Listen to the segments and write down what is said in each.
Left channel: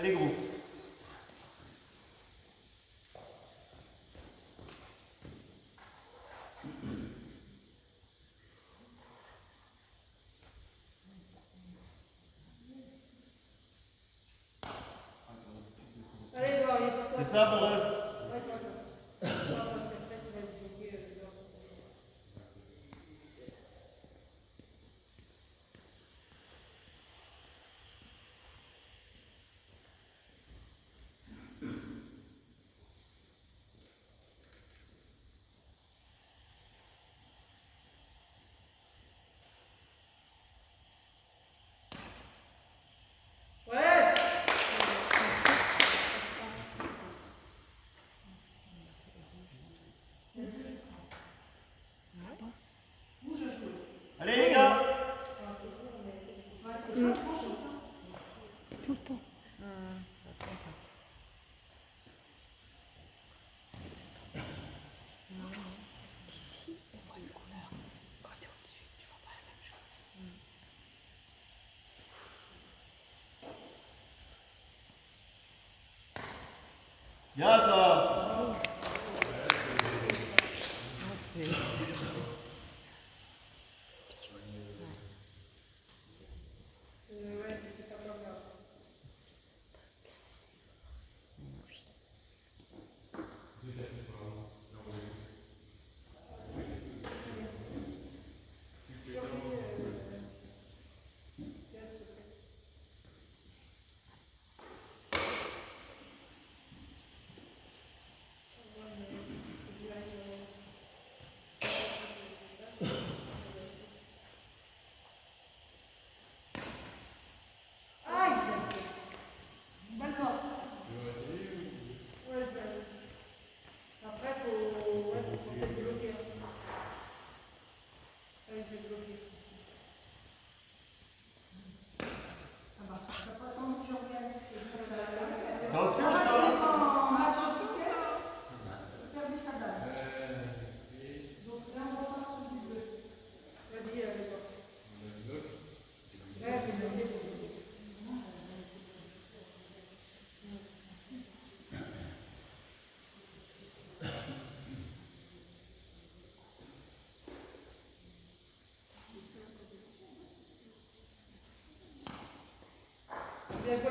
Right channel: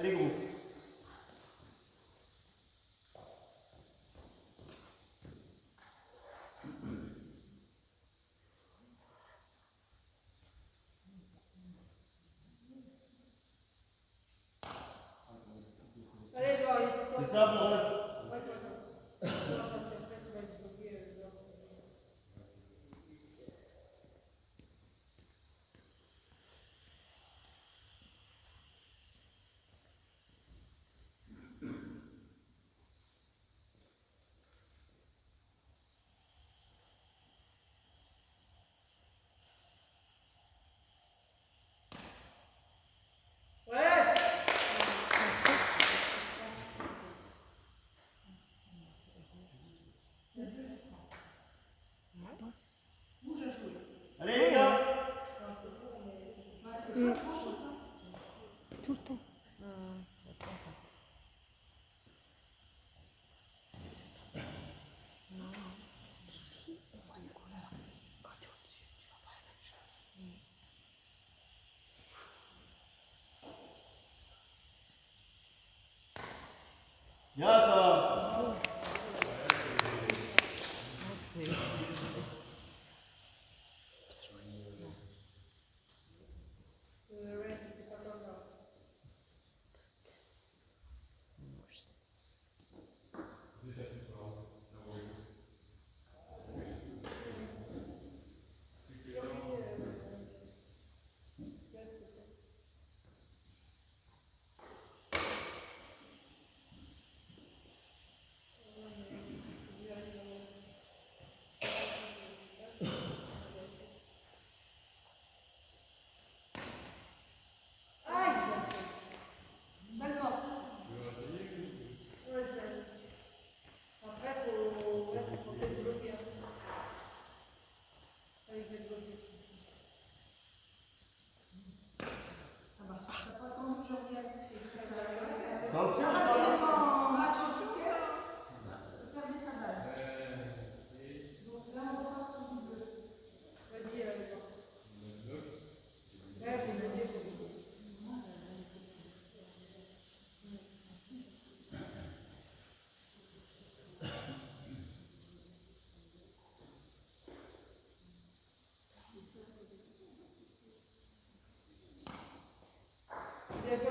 Allez, gros. C'est ça, mon ref. Allez, les gars. Tout le temps. D'ici, on voit une couleur. Quand tu es au-dessus, tu vois pas la même chose. Bien, ça. Attention, ça.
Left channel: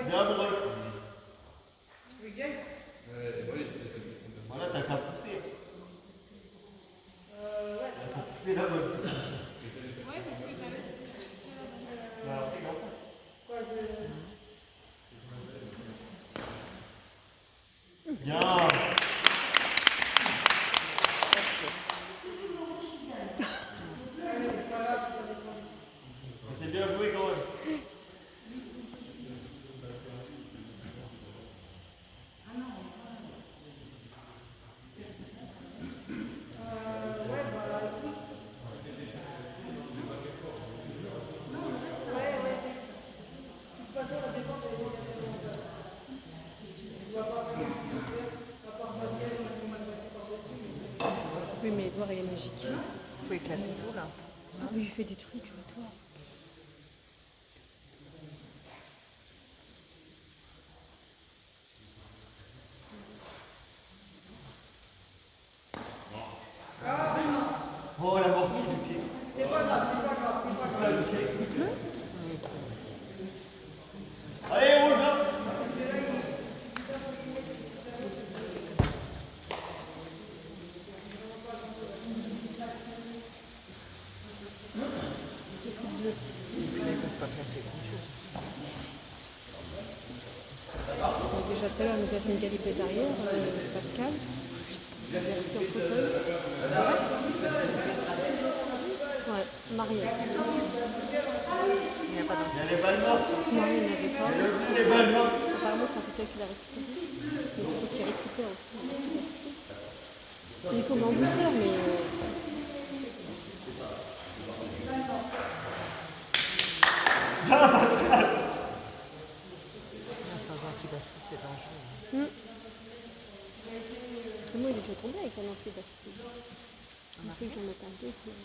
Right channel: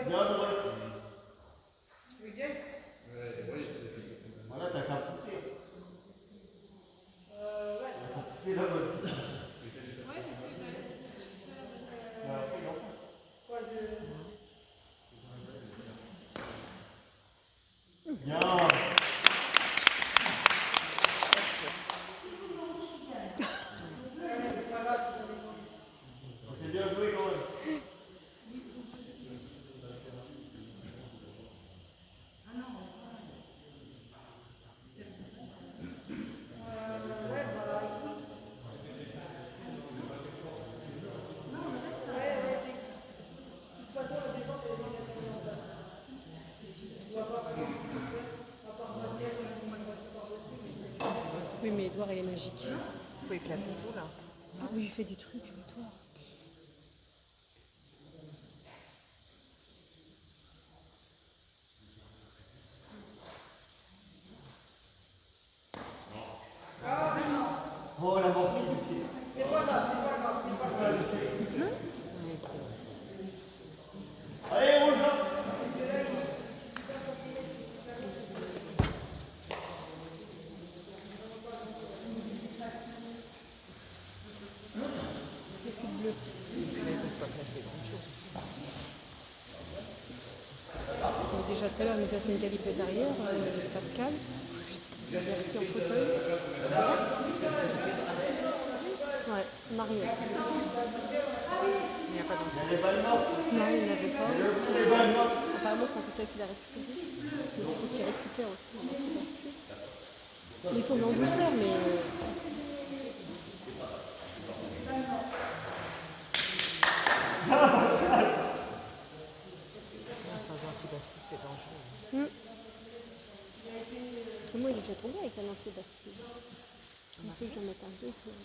Bien, mon ref. Voilà, t'as qu'à pousser. T'as qu'à pousser là-bas. Oui, c'est ce que j'avais. Bien. C'est bien joué quand même. Oui, mais Edouard est magique. Faut éclater tout là. Ah oui, il fait des trucs, toi. Oh, la mortie du pied. C'est pas grave, c'est pas grave. C'est pas le pied. Allez, rouge là. Ils ne peuvent pas casser grand chose. Déjà tout à l'heure, on nous a fait une galipette arrière, Pascal. Merci en fauteuil. Ouais, Mario. Il n'y a pas Il y a d'anti. les balles mortes. Non, il n'avait pas. Les balles mortes. Apparemment, c'est un fauteuil qu'il a récupéré. Mais il faut qu'il récupère aussi. Il tourne en douceur, mais. Sans anti-bascule, c'est dangereux. Moi, il est déjà tombé avec un anti-bascule. Il faut que j'en mette un deuxième.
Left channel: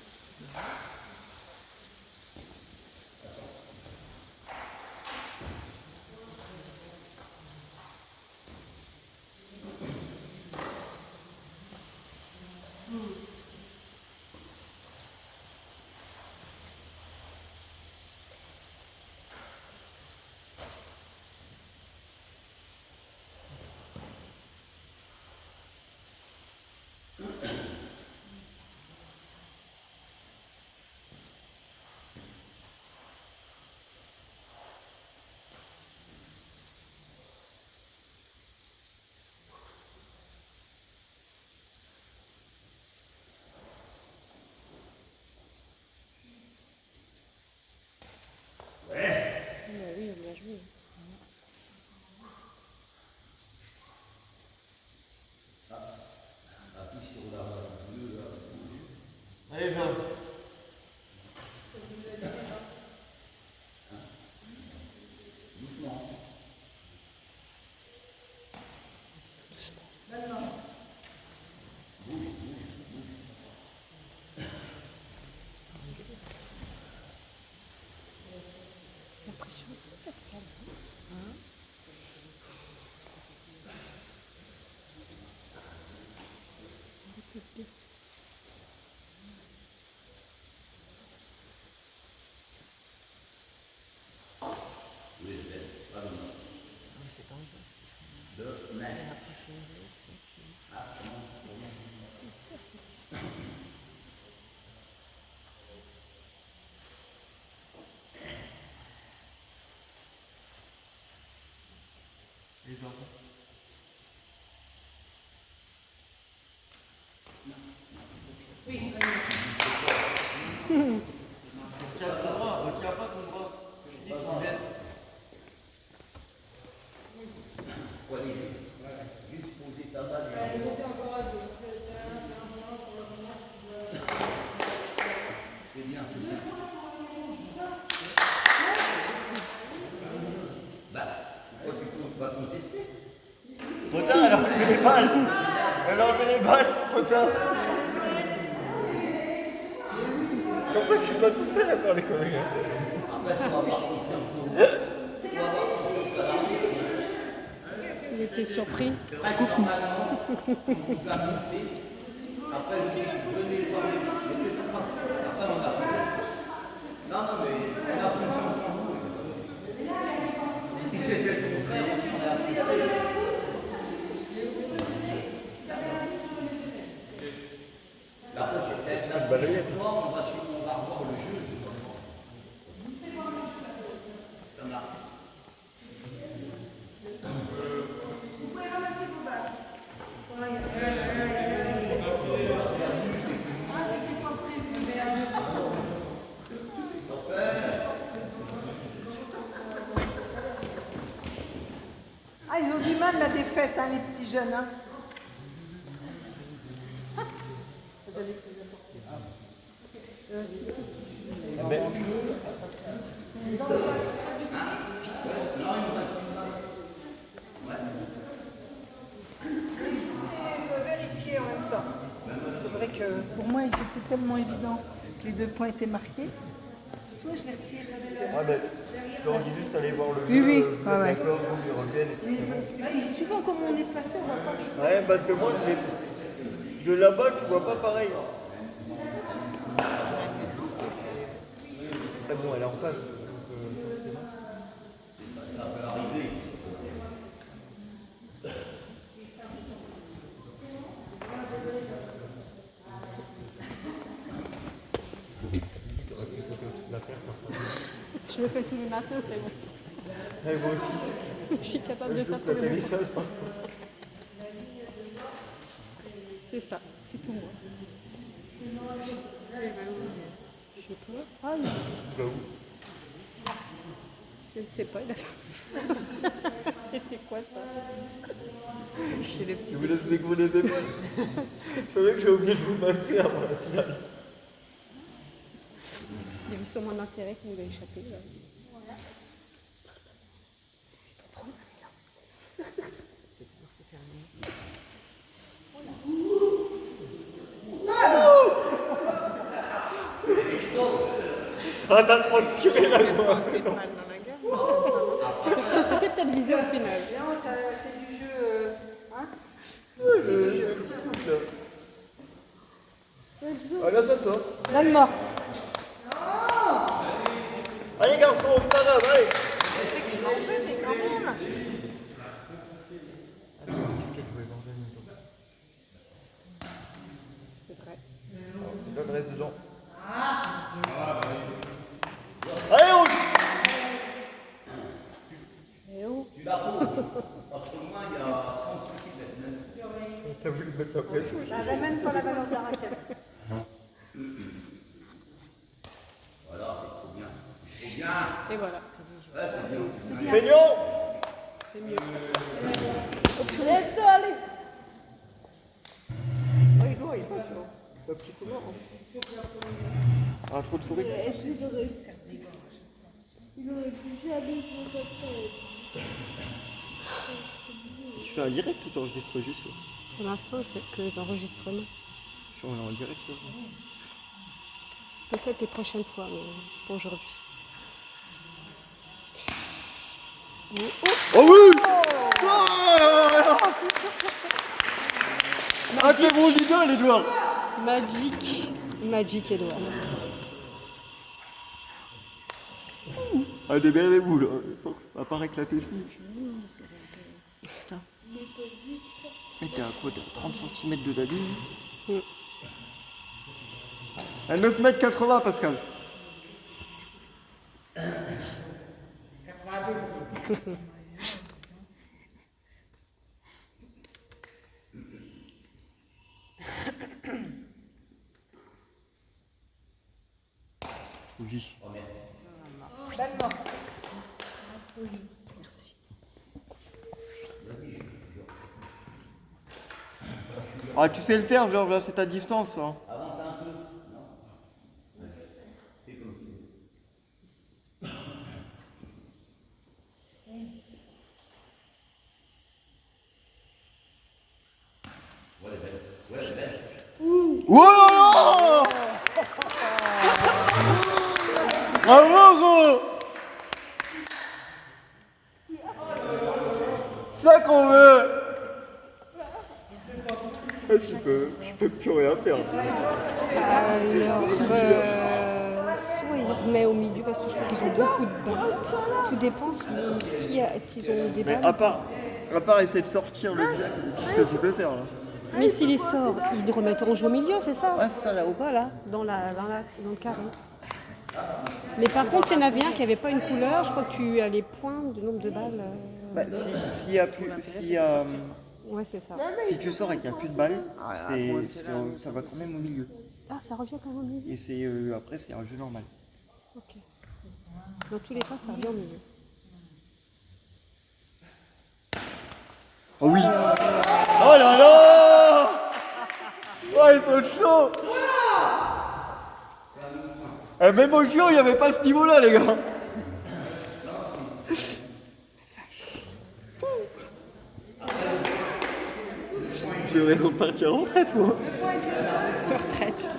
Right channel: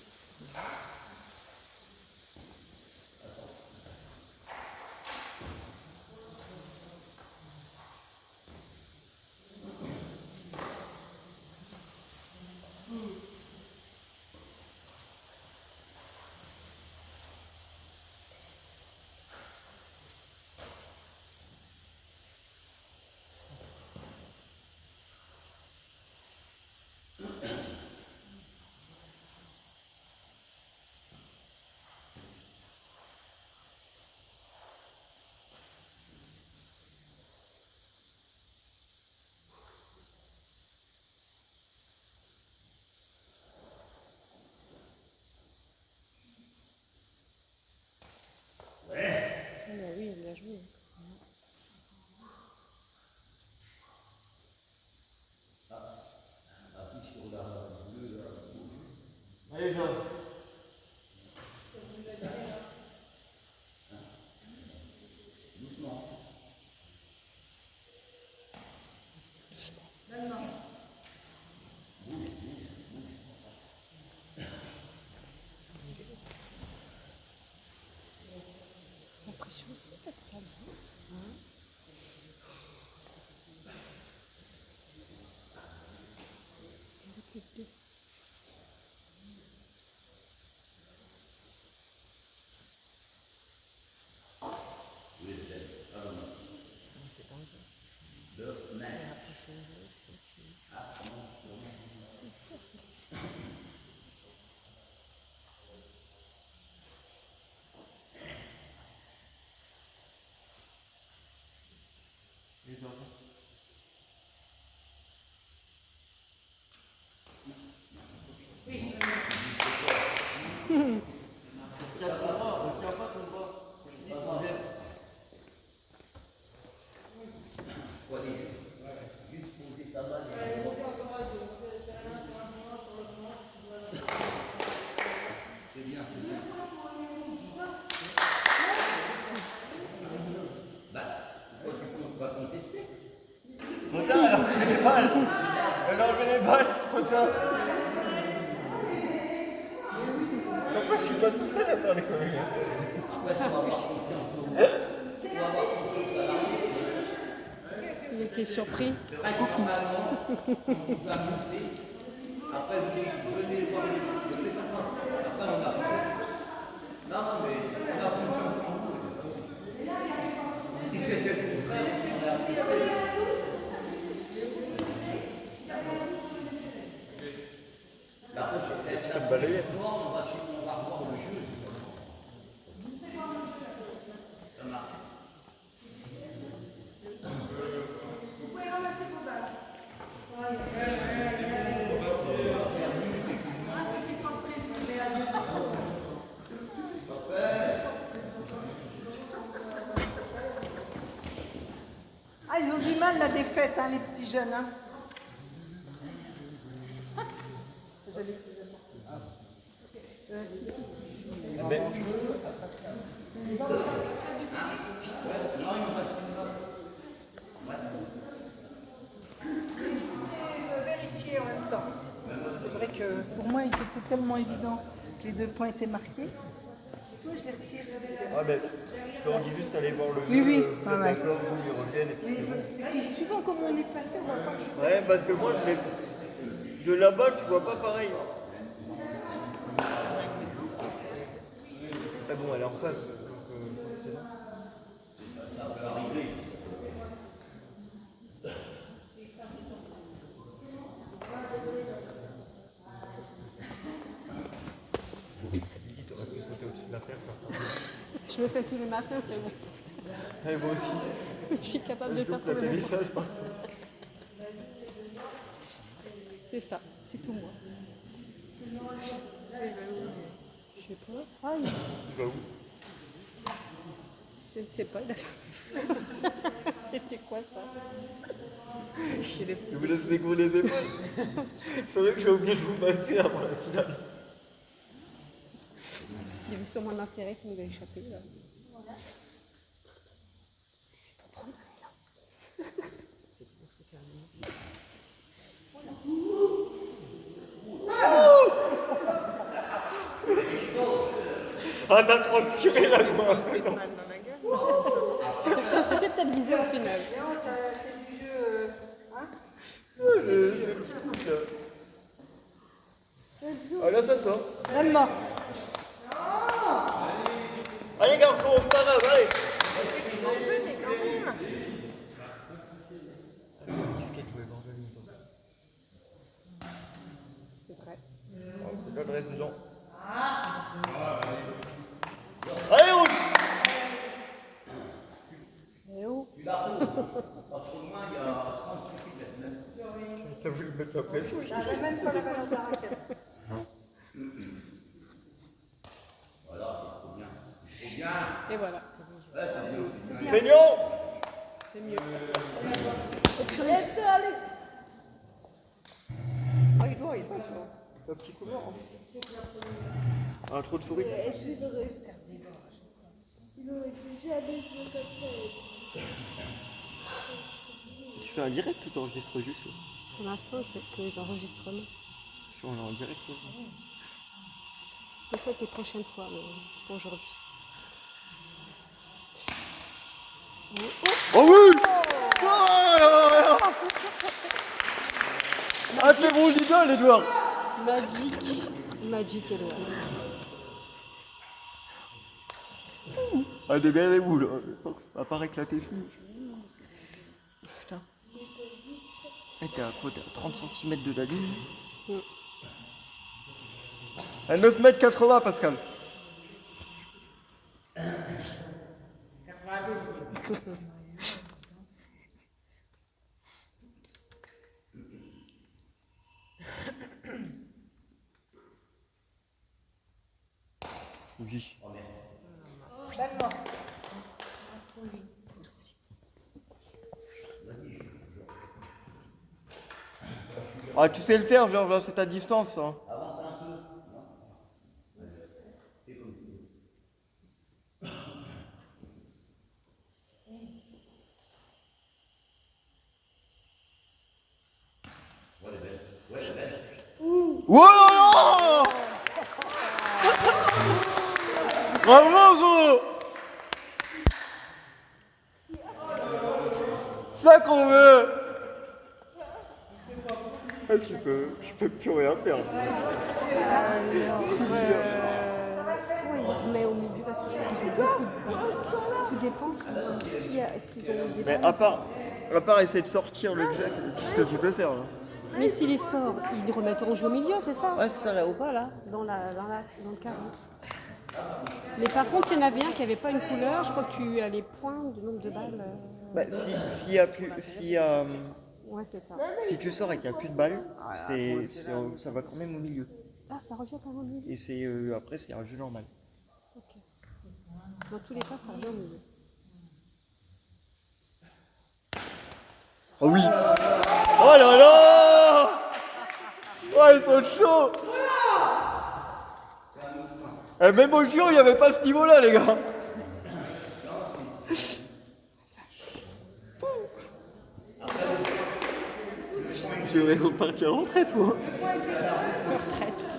tension aussi, Pascal. Écoute-le. Mais c'est dangereux ce qu'ils font. C'est approfondi, c'est que- Les autres. Retiens pas ton bras. Je dis ton geste. Juste poser ta balle. C'est bien, c'est bien. Bah, pourquoi tu comptes pas contester? Cotin, elle a enlevé les balles. Elle a enlevé les balles, Cotin. Pourquoi je suis pas tout seul à faire les conneries? Après, tu vas avoir confiance en vous. Tu vas avoir confiance à l'arbitre. Il était surpris. C'est vrai que normalement, on vous a monté. Après, vous dites, venez voir le jeu. Mais c'est pas grave. Après, on a confiance. Non, non, mais on a confiance en vous. Si c'était le contraire, on aurait accepté. La prochaine, on va revoir le jeu, c'est pas bon. Ça marche. Vous pouvez ramasser vos balles. Ah, c'était pas prévu, mais Ah, ils ont du mal la défaite, hein, les petits jeunes. Hein. Vérifier en même temps. C'est vrai que pour moi, c'était tellement évident que les 2 points étaient marqués. Tu vois, je les retire. Ah ben, je leur dis juste aller voir le jeu. Oui, oui. Vous Ah êtes ouais. d'accord, vous les reviennent et puis c'est bon. Et puis, suivant comment on est placé, on va pas jouer. Ouais, parce que moi, je vais... De là-bas, tu vois pas pareil. Ah bon, elle est en face. Forcément. Ça peut arriver. Je le fais tous les matins, c'est bon. Ouais, moi aussi. Je suis capable de faire tous Quand les elle est matins. sage, C'est ça, c'est tout moi. Je sais pas. Ah oui. il va où? Je ne sais pas, il a C'était quoi ça? C'est le petit. Je vous laisse découvrir les épaules. C'est vrai que j'ai oublié de vous masser avant la finale. Il a vu sur mon intérêt qu'il a échappé. Là. C'est pour prendre de l'élan. C'est toujours se calmer. Ah, t'as transpiré là, quoi. Fait mal dans la gueule, comme ça, non? C'était peut-être visé au final. C'est du jeu. Hein. C'est un petit couple, là. Ah, là, ça sort. Balle morte. Allez, garçons, c'est pas grave, allez. Je sais qu'il m'en veut, mais quand même. Qu'est-ce qu'elle jouait dans le comme ça? C'est vrai. C'est pas le résident. Allez, on... Et où? Tu la roules. Parce que moi, il y a 100 soucis d'être même. T'as voulu mettre la pression. Je ramène pas la balle de la raquette. Voilà, c'est trop bien. C'est trop bien. Et voilà. Ouais, c'est bien. C'est bien. Feignant. Allez, allez. Ah, il voit, il passe, là. Le petit couloir. Ah, trop de souris. Je les aurais servi. Il aurait pu jamais jouer comme ça. Tu fais un direct ou t'enregistres juste? Pour l'instant, je fais que les enregistrements. Si on est en direct, là. Peut-être les prochaines fois, mais pour aujourd'hui. Oh oui. Ah, c'est bon, dis bien, Edouard. Magic. Magic, Edouard. Ah, démerdez-vous, là. À part éclater le cul. Putain. Et t'es à quoi? T'as 30 cm de valise. À 9,80 m, Pascal. Oui. Merci. Ah, tu sais le faire, Georges, c'est à distance. Hein. Avance un peu. Non. Fais comme tu veux. Ouais, elle est belle. Ouais, elle est belle. Wow. Bravo, gros. Ça qu'on veut. Ah, je peux plus rien faire. Soit il remet au milieu parce que je crois qu'ils ont beaucoup de balles. Tout dépend s'ils ont des Mais balles. à part essayer de sortir le jack, tout ce que tu peux faire. Hein. Mais s'il les sort, ils remettront jouer au milieu, c'est ça? Ouais, c'est ça là-haut. Dans le carré. Mais par contre, il y en avait un qui n'avait pas une couleur. Je crois que tu as les points du nombre de balles. Bah, Ouais, c'est ça. si tu sors et qu'il n'y a plus de balles, ça va quand même au milieu. Ah, ça revient quand même au milieu. Et après, c'est un jeu normal. Ok. Dans tous les cas, ça revient au milieu. Oh oui. Oh là là. Oh, ils sont chauds. Et même au JO, il n'y avait pas ce niveau-là, les gars. J'ai raison de partir en retraite, moi. Retraite.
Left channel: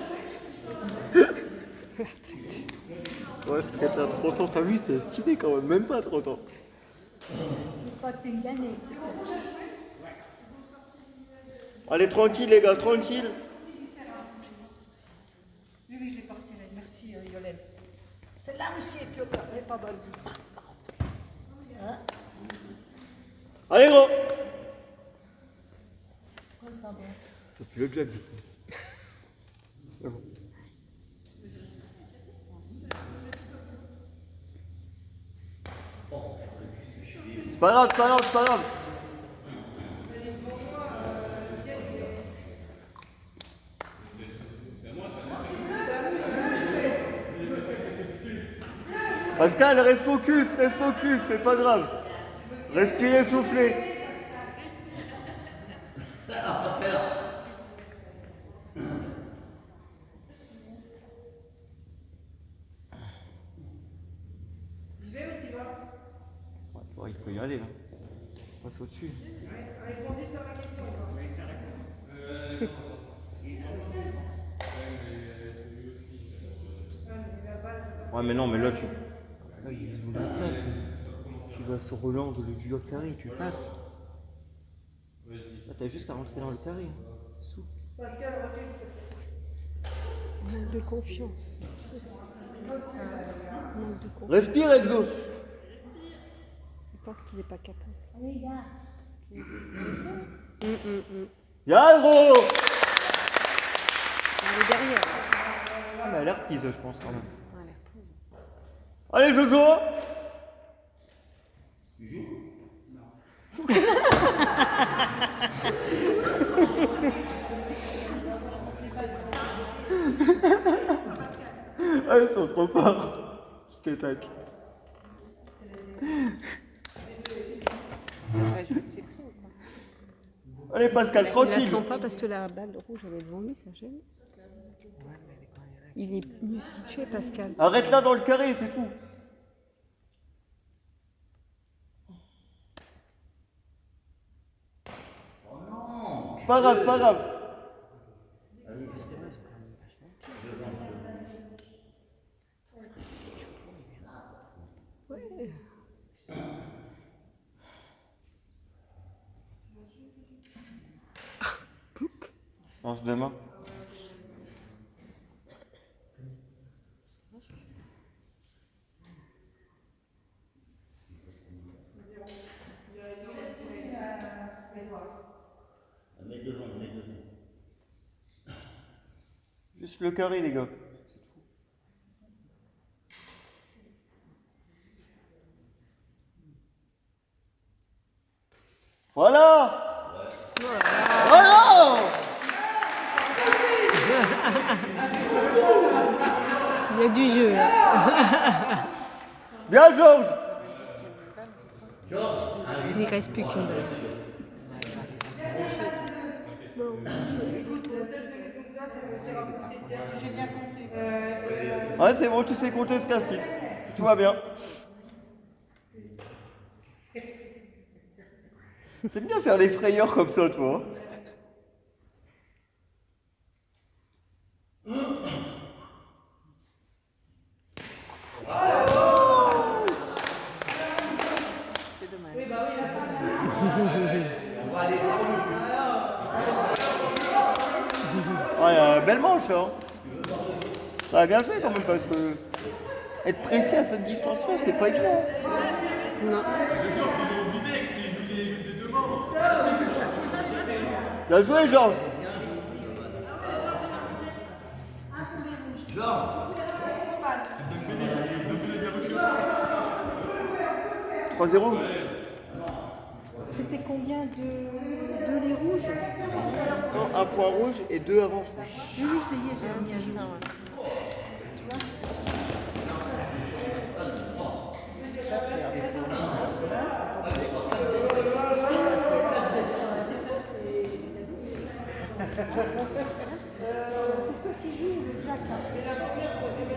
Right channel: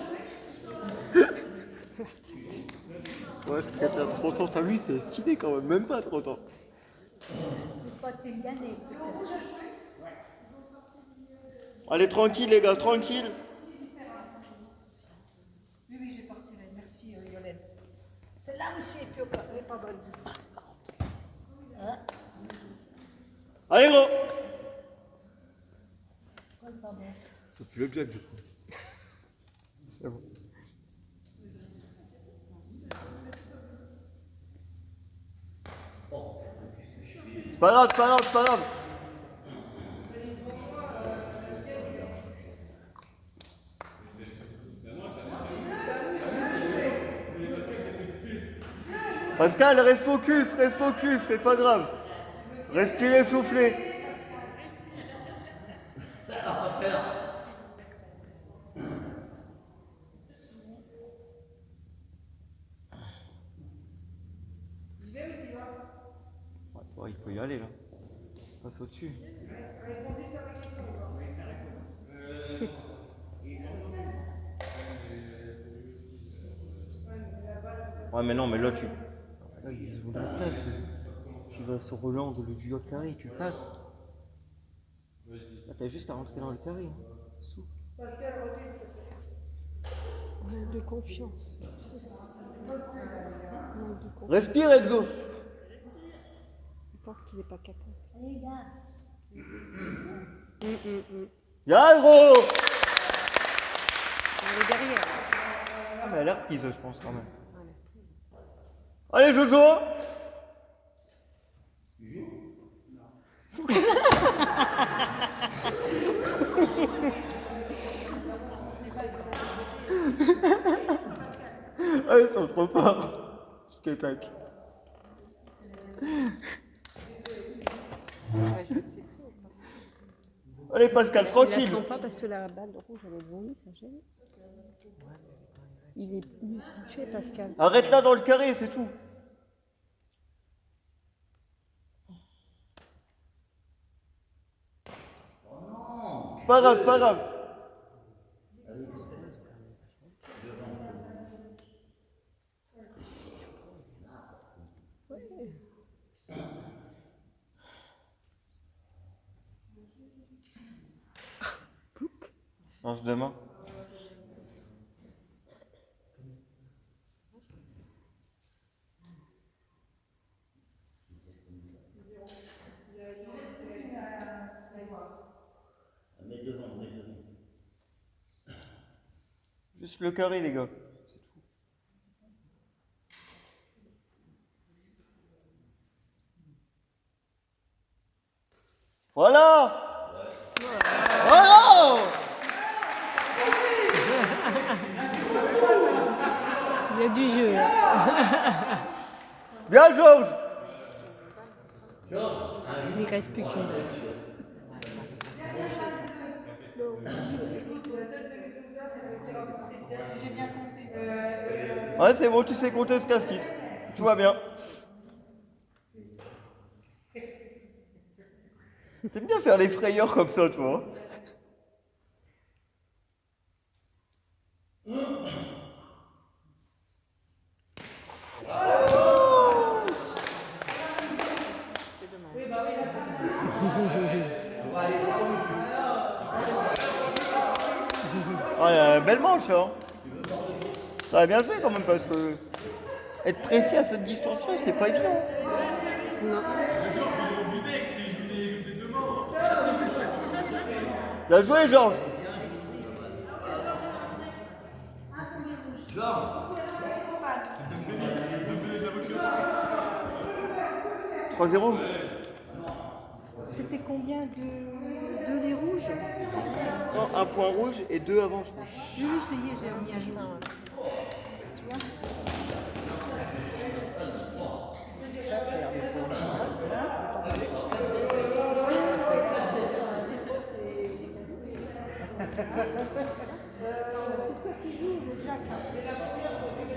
Ouais, retraite à 30 ans, t'as vu, c'est stylé quand même pas 30 ans. Allez, tranquille, les gars, tranquille. Oui, je l'ai pas retiré. Merci, Yolène. Celle-là aussi est pioca, elle est pas bonne. Allez, gros. Ça pue le jug, du coup. C'est bon. C'est pas grave, c'est pas grave, c'est pas grave. Pascal, reste focus, c'est pas grave. Respirez, soufflez. Il peut y aller. Hein. Passe au-dessus. Ouais, mais non, mais là, tu. Là, ils ont la place. Tu vas sur l'angle du carré, tu passes. Là, t'as juste à rentrer dans le carré. C'est tout. Manque de confiance. Manque de confiance. Respire, Exo. Je pense qu'il n'est pas capable. Y'a gros. Elle est derrière. Ah, elle a l'air prise, je pense, quand même. Elle a l'air prise. Allez, Jojo. Ah, ils sont trop forts. Tic-tac. Allez, Pascal, Il tranquille. la sent pas parce que la balle rouge elle est devant lui, ça gêne. Il est mieux situé, Pascal. Arrête là dans le carré, c'est tout. Oh non. C'est pas grave, c'est pas grave. Change de main. Juste le carré, les gars. Voilà. Voilà. Il y a du jeu là. Bien, Georges. Il ne reste plus qu'une balle. J'ai bien compté. Ouais, c'est bon, tu sais compter ce cas-ci. Tout va bien. C'est bien faire les frayeurs comme ça, toi. C'est dommage. On va aller voir le but. Ah, belle manche, hein. Ça a bien joué quand même, parce que être précis à cette distance-là, c'est pas évident. Bien joué, Georges. Georges, 3-0. C'était combien de les rouges? Non, un point rouge et 2 avant, je crois. Oui, ça y est, j'ai remis à jour.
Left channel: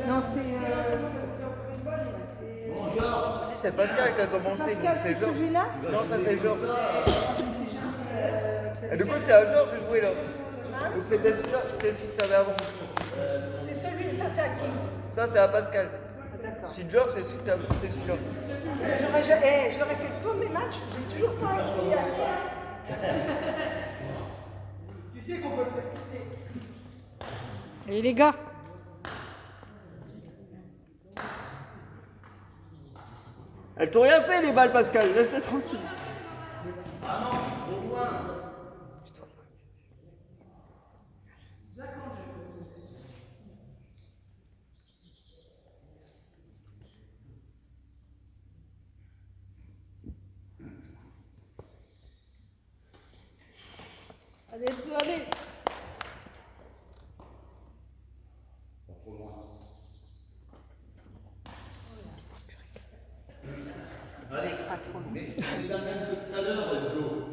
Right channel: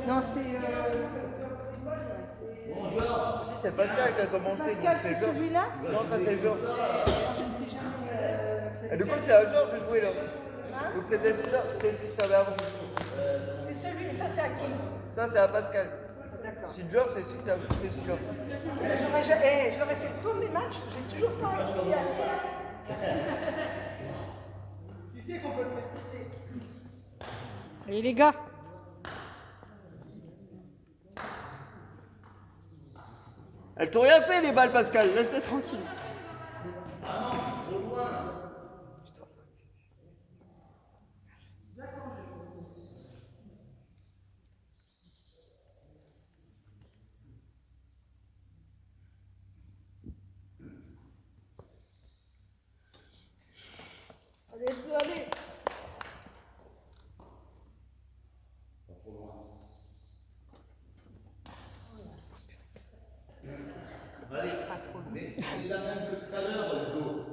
Non, c'est. Si, c'est Pascal qui a commencé, donc c'est Georges. Celui-là? Non, ça c'est Georges. Et du coup, c'est à Georges de jouer là. Donc c'était celui-là, c'était celui que t'avais avant. C'est celui, ça c'est à qui? Ça, c'est à Pascal. Ah, d'accord. Si Georges, c'est celui que t'avais, c'est celui-là. Je leur ai fait tous mes matchs, j'ai toujours pas acquis. Tu sais qu'on peut le faire pousser. Allez les gars. Elles t'ont rien fait les balles, Pascal, laisse-les tranquille. ah non, je suis trop loin. Allez, faut aller. Pas trop loin. Allez, mais c'est la même chose tout à l'heure, Hugo.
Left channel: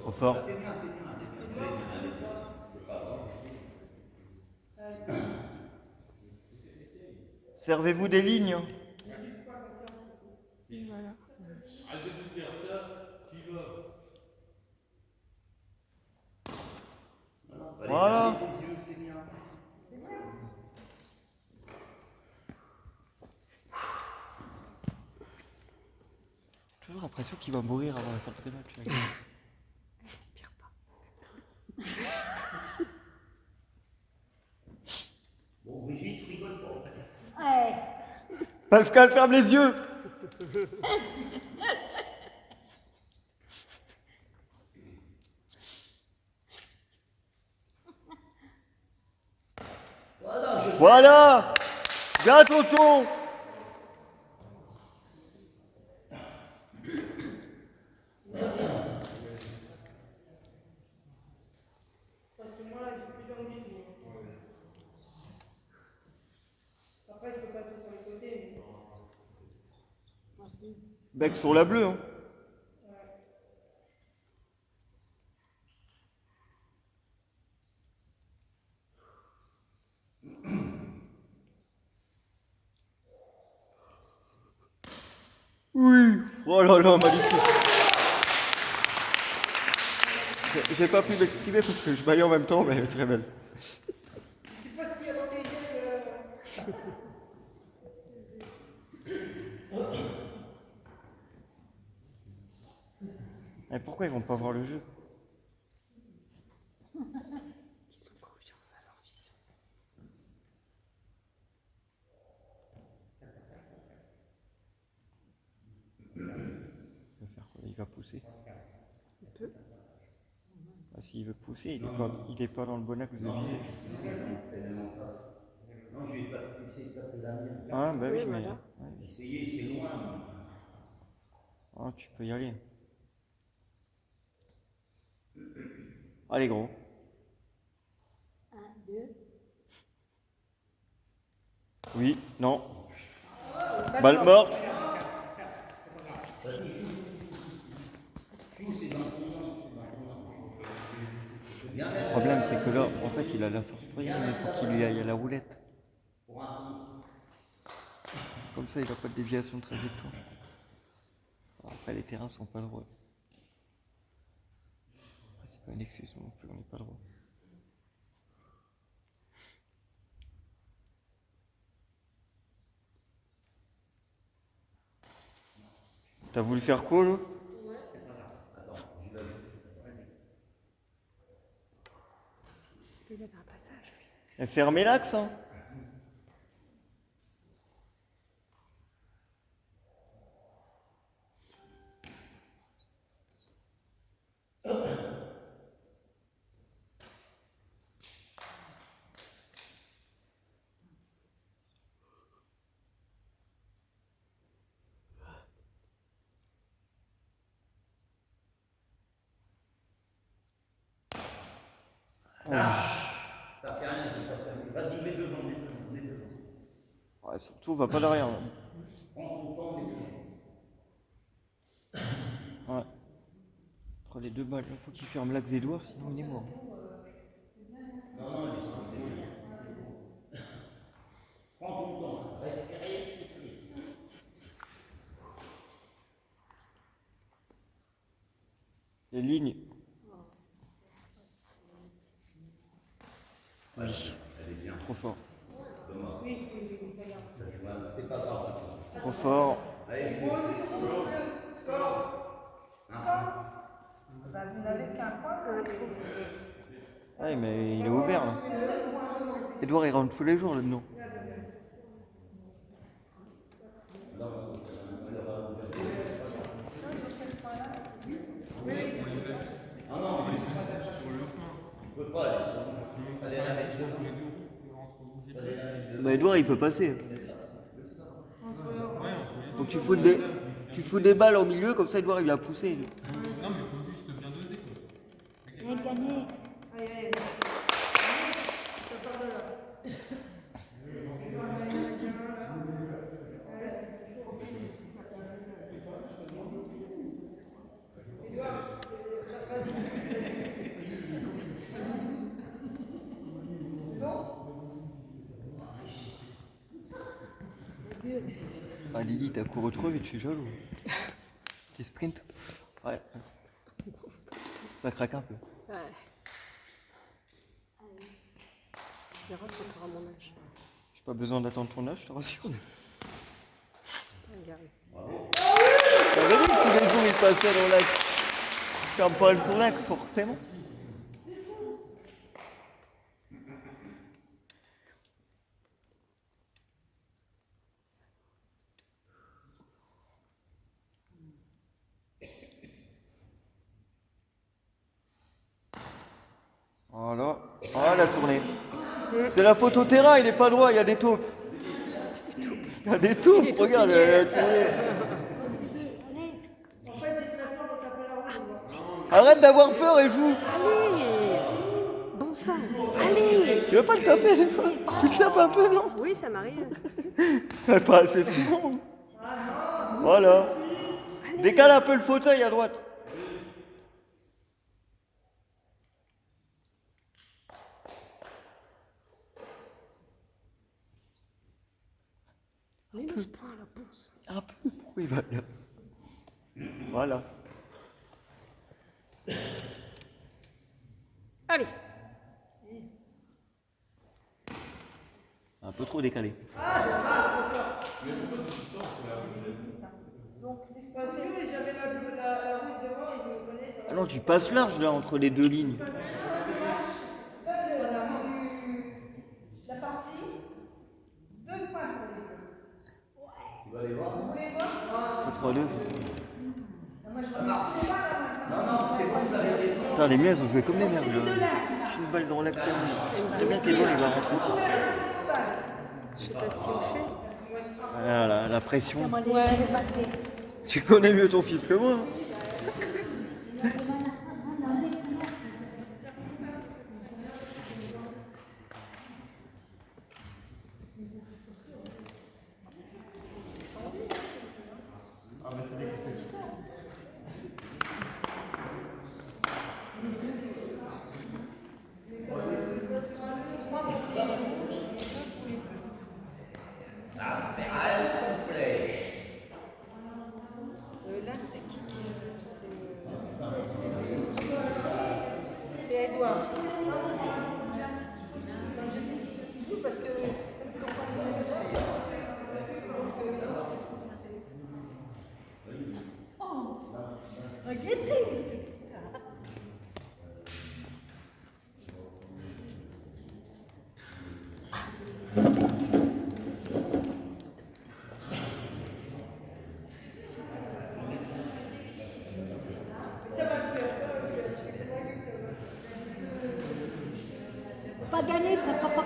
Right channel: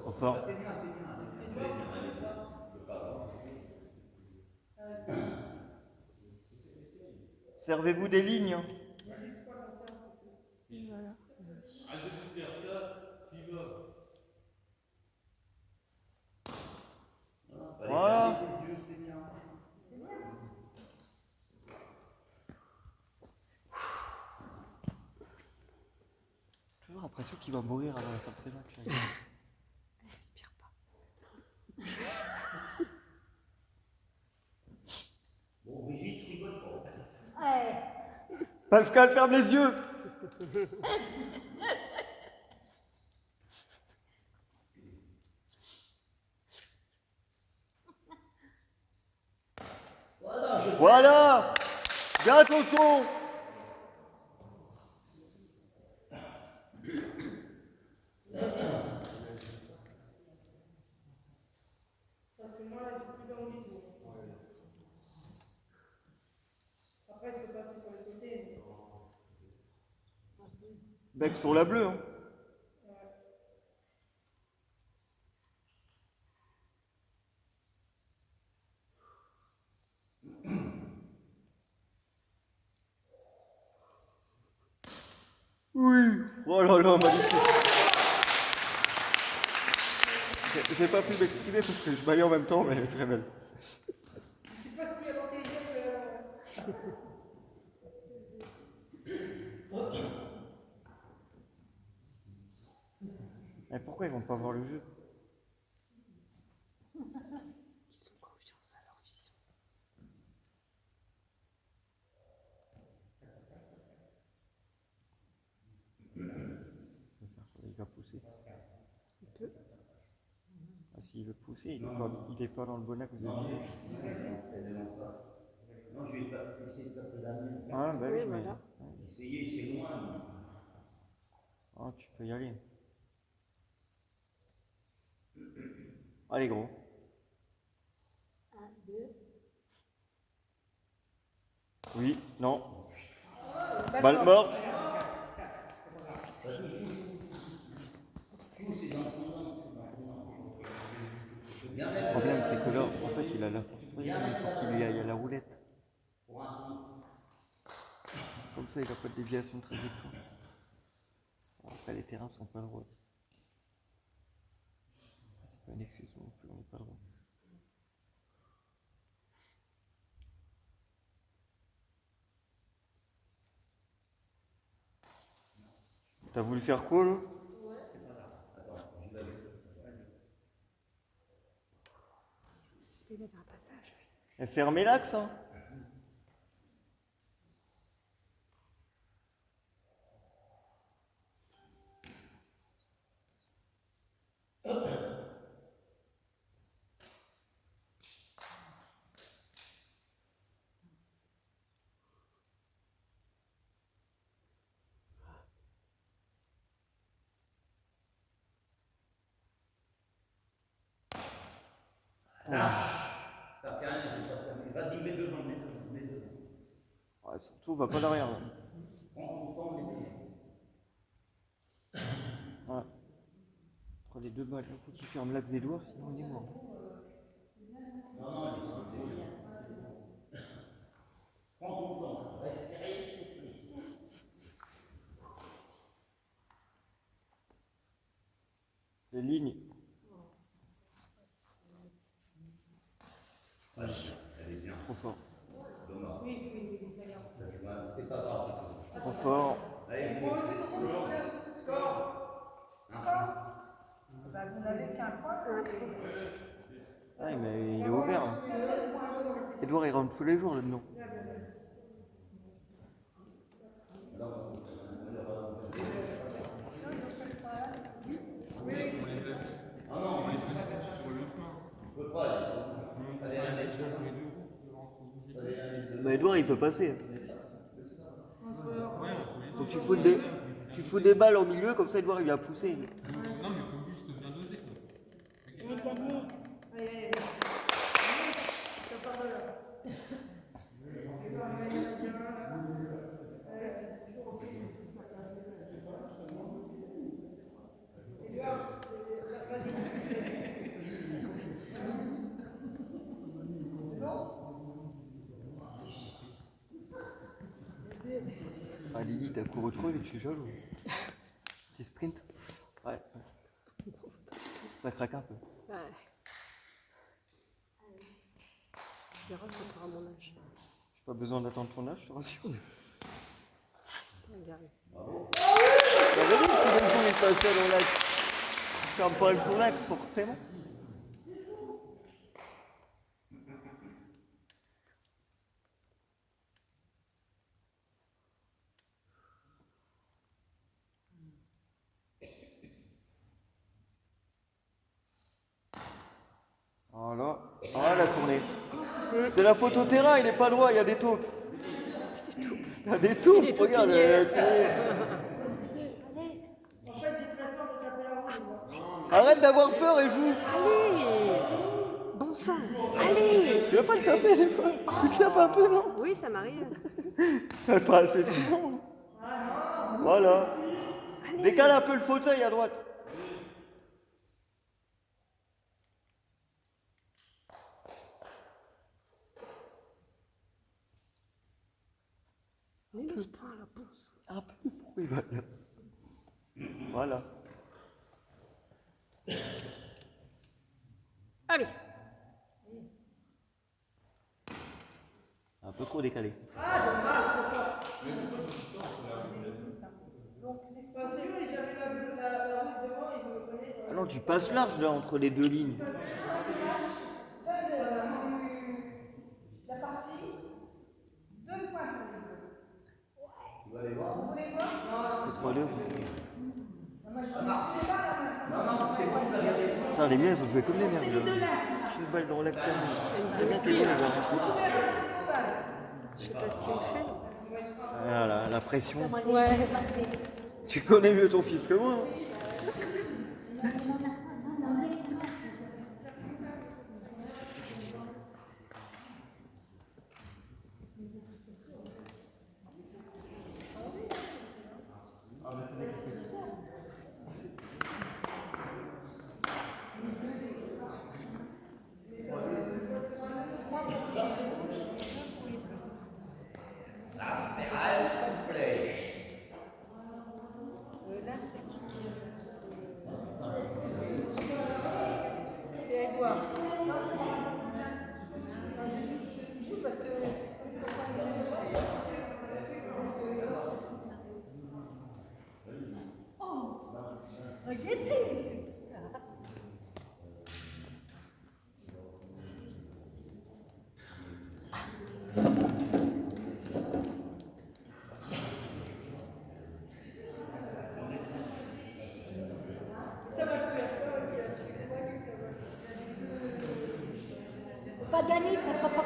Trop fort. C'est bien, c'est bien. Allez, c'est pas grave. Servez-vous des lignes. Voilà. Allez, Voilà. fermez les yeux, c'est bien. Toujours l'impression qu'il va mourir avant la fin de ces matchs. là. Respire pas. Bon, Brigitte, rigole pas. Pascal, ferme les yeux. Voilà. Bien, tonton. Parce que moi là, j'ai plus d'envie. Après, je peux passer sur les côtés. Bec sur la bleue. Hein. Oh là là, magnifique. J'ai pas pu m'exprimer parce que je baillais en même temps, mais elle est très belle. Je sais pas ce qu'il y a dans tes yeux. Et pourquoi ils vont pas voir le jeu? Ils ont confiance à leur vision. Il va faire quoi? Il va pousser. Il peut. Ah, s'il veut pousser, il est pas dans le bon axe de Non, visée. elle est en place. Non, je vais essayer de taper la mienne. Ah, bah Oui, oui, mais. voilà. Ouais. Essayez, c'est loin. Ah, tu peux y aller. Allez, gros. 1, 2. Oui, non. Balle morte. Le problème, c'est que là, en fait, il a la force pour rien, mais il faut qu'il y aille à la roulette. Comme ça, il n'a pas de déviation de trajectoire. Après, les terrains sont pas droits. C'est pas une excuse non plus, on n'est pas droit. T'as voulu faire quoi, là? Il avait un passage, oui. Et fermez l'axe, hein. T'as fait rien, c'est pas terminé. Vas-y, mets devant, mets devant, mets devant. Ouais, surtout, va pas derrière. Prends ton temps, mets devant. Ouais. Entre les deux balles, il faut qu'il ferme l'axe des doigts, sinon on est mort. Non, non, mais prends ton temps, respirez, soufflez. Les lignes. Elle est bien. Trop fort. Dommage. C'est pas grave. Trop fort. Allez, Bah, vous n'avez qu'un point. Ouais, mais il est ouvert. Hein. Edouard, il rentre tous les jours là-dedans. Ah non, mais on peut pas aller. Allez, la mettre devant. Allez, la mettre devant. Bah, Edouard, il peut passer. Donc tu fous des balles au milieu, comme ça Edouard il va pousser. Non, mais il faut juste bien doser, quoi. Allez, allez. Ça part de là. Il y en a qu'un là. Ouais, c'est chaud. Edouard, vas-y. C'est bon? Ah Lily, t'as couru trop vite, je suis jaloux. Petit sprint. Ouais. Ça craque un peu. Ouais. Tu verras quand tu auras mon âge. J'ai pas besoin d'attendre ton âge, je te rassure. Regarde. T'as vu que tous les jours il passait dans l'axe. Tu fermes pas son axe forcément. Voilà. Ah la tournée. C'est la photo terrain, il est pas droit, il y a des taupes. Il y a des taupes, regarde, la tournée. En fait, j'ai très peur de taper la roue, moi. Arrête d'avoir peur et joue. Allez. Bon sang. Allez. Tu veux pas le taper des fois? Tu le tapes un peu, non? Oui, ça m'arrive. Pas assez souvent. Voilà. Décale un peu le fauteuil à droite. Mets-le ce point là, bon sang. Un peu. Pourquoi il va là? Voilà. Allez. Un peu trop décalé. Parce que j'avais la rouge devant et je me connais. Ah non, tu passes large là entre les deux lignes. La partie, 2 points pour les deux. Tu vas aller voir? Vous voulez voir? C'est 3-2. Moi je vois pas tous les balles là maintenant. Non, c'est bon, vous avez raison. Putain, les miens, ils ont joué comme des merdes. C'est les deux là. Une balle de relaxation. C'est bien, t'es bon, les gars. Vous pouvez ramasser vos balles. Je sais pas ce qu'il me fait. Voilà, la pression. Ouais. Tu connais mieux ton fils que moi. Là c'est qui? C'est Edouard. Parce que pas gagné, t'as pas.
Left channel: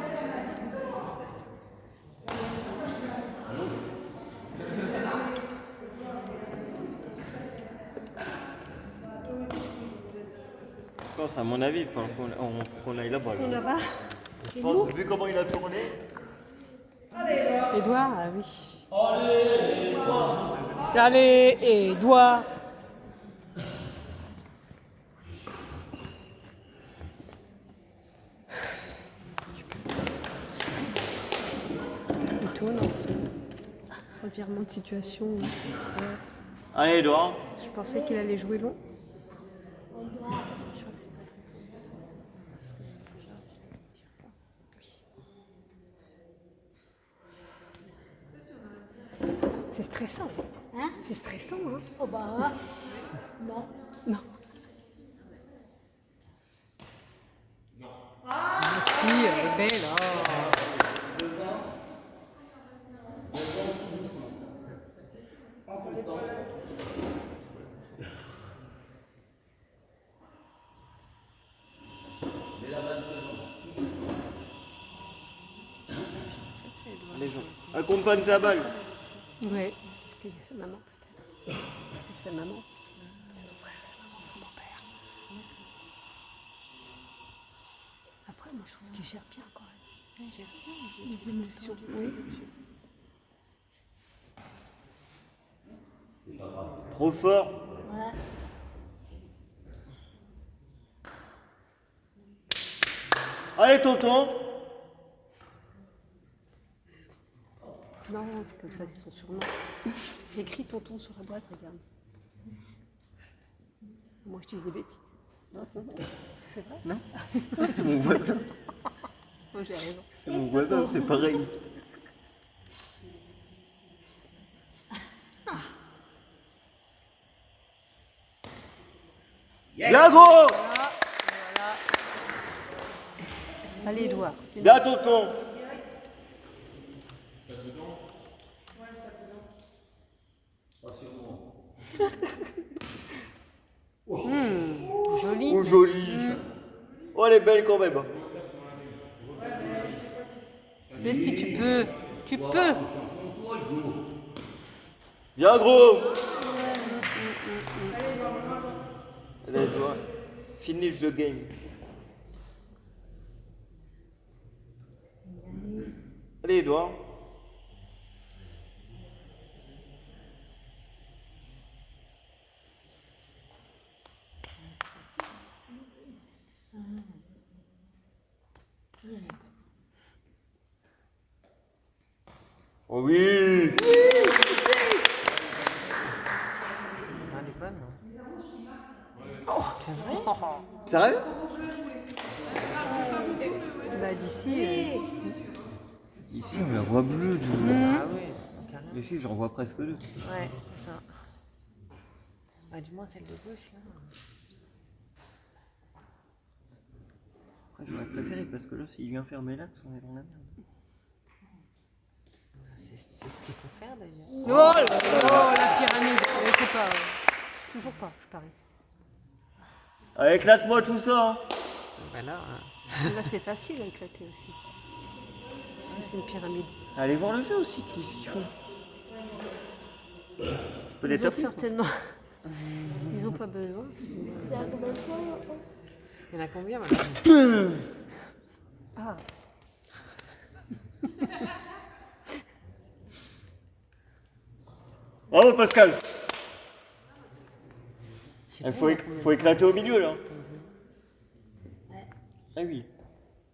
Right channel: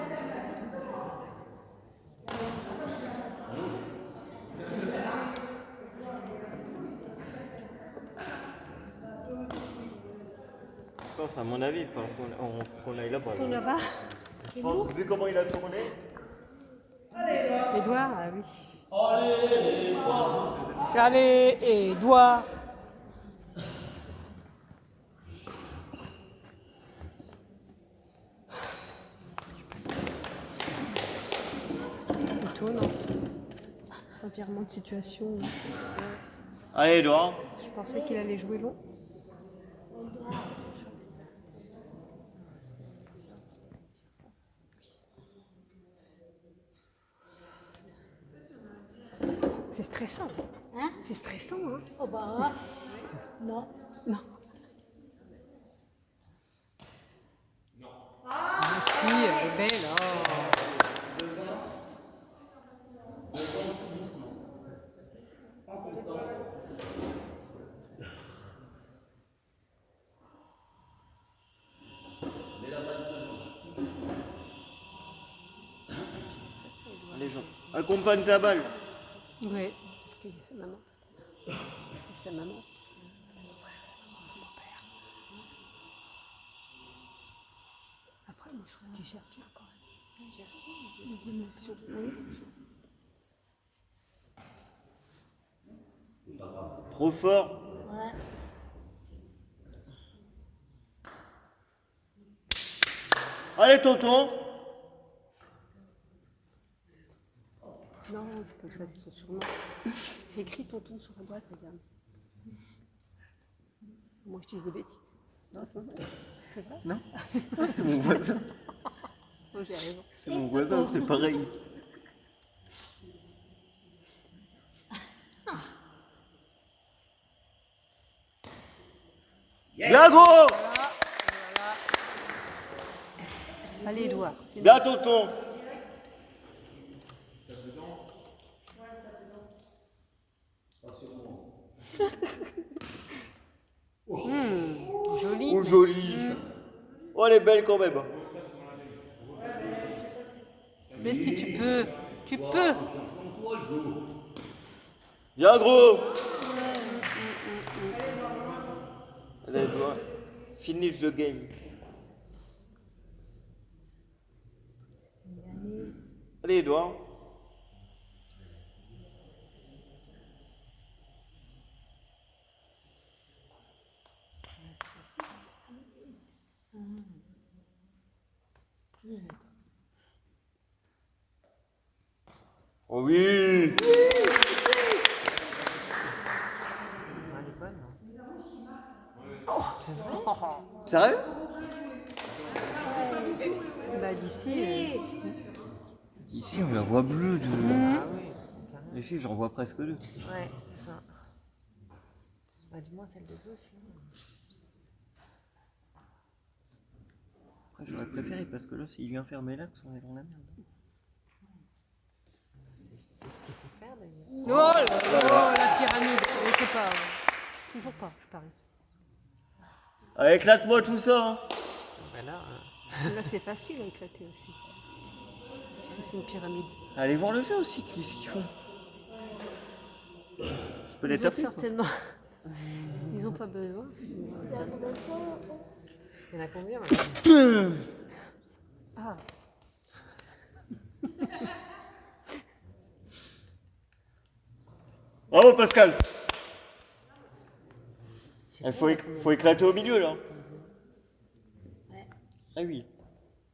Je pense, à mon avis, il faut qu'on aille là-bas. On Là. ira. Je pense, vu comment il a tourné. Edouard, ah oui. Allez, Edouard. Plutôt, non. Revirement de situation. Allez, Edouard. Je pensais qu'il allait jouer long. C'est stressant. Hein? C'est stressant, hein? Oh bah non. Non. Ah si, elle est belle. Oh. Les gens. Accompagne ta balle. Ouais, parce qu'il y a sa maman peut-être. Sa maman. Son frère, sa maman, son beau-père. Après, moi je trouve qu'il gère bien quand même. Il gère bien les émotions. Oui. Trop fort. Allez, tonton. Non, c'est comme ça, c'est son surnom. C'est écrit tonton sur la boîte, regarde. Moi je dis des bêtises. Non, c'est vrai. Non. C'est mon voisin. Moi j'ai raison. C'est mon voisin, c'est pareil. Bien gros. Voilà. Allez, Edouard. Bien tonton. Joli. Oh, joli. Oh, elle est belle quand même. Mais si tu peux, tu peux. Bien gros. Allez, Edouard. Finish the game. Allez, Edouard. Oh oui. C'est vrai? Sérieux? Bah d'ici. Ici, on la voit bleue. Ah oui, carrément. Mais si, j'en vois presque deux. Ouais, c'est ça. Bah, du moins celle de gauche, là. Après, j'aurais préféré parce que là, s'il vient fermer l'axe, on est dans la merde. C'est ce qu'il faut faire, d'ailleurs. Oh là là, la pyramide. Je sais pas. Toujours pas, je parie. Ah, éclate-moi tout ça. Hein. Voilà. Là, c'est facile à éclater aussi. Parce que c'est une pyramide. Allez voir le jeu aussi, qu'est-ce qu'ils font. Je peux les Ils ont taper. certainement. Ils ont pas besoin. Sinon, ils tiendraient. Il y en a combien maintenant? Ah. Bravo Pascal. Je sais Il pas, faut, il y a combien faut éclater au milieu là. Ah oui.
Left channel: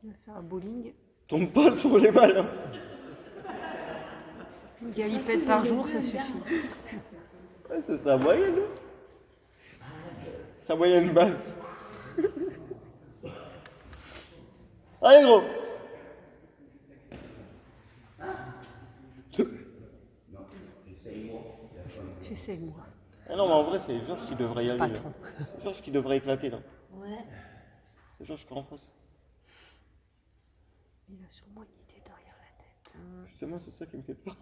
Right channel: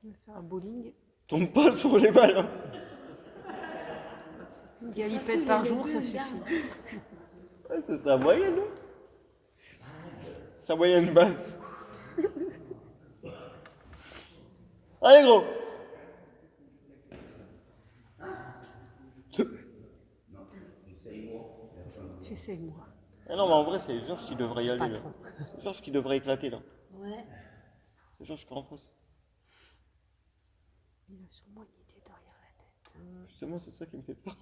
On va faire un bowling. Tombe pas sur les balles. Hein. Une galipette par jour, ça suffit. Ouais, c'est sa moyenne. Hein. Sa moyenne basse. Allez gros. J'essaye, moi. Ah non mais en vrai c'est Georges qui devrait y aller. Pas Là. trop. C'est Georges qui devrait éclater là. Ouais. C'est Georges qui est en face. Il a sûrement une idée derrière la tête. Justement c'est ça qui me fait peur.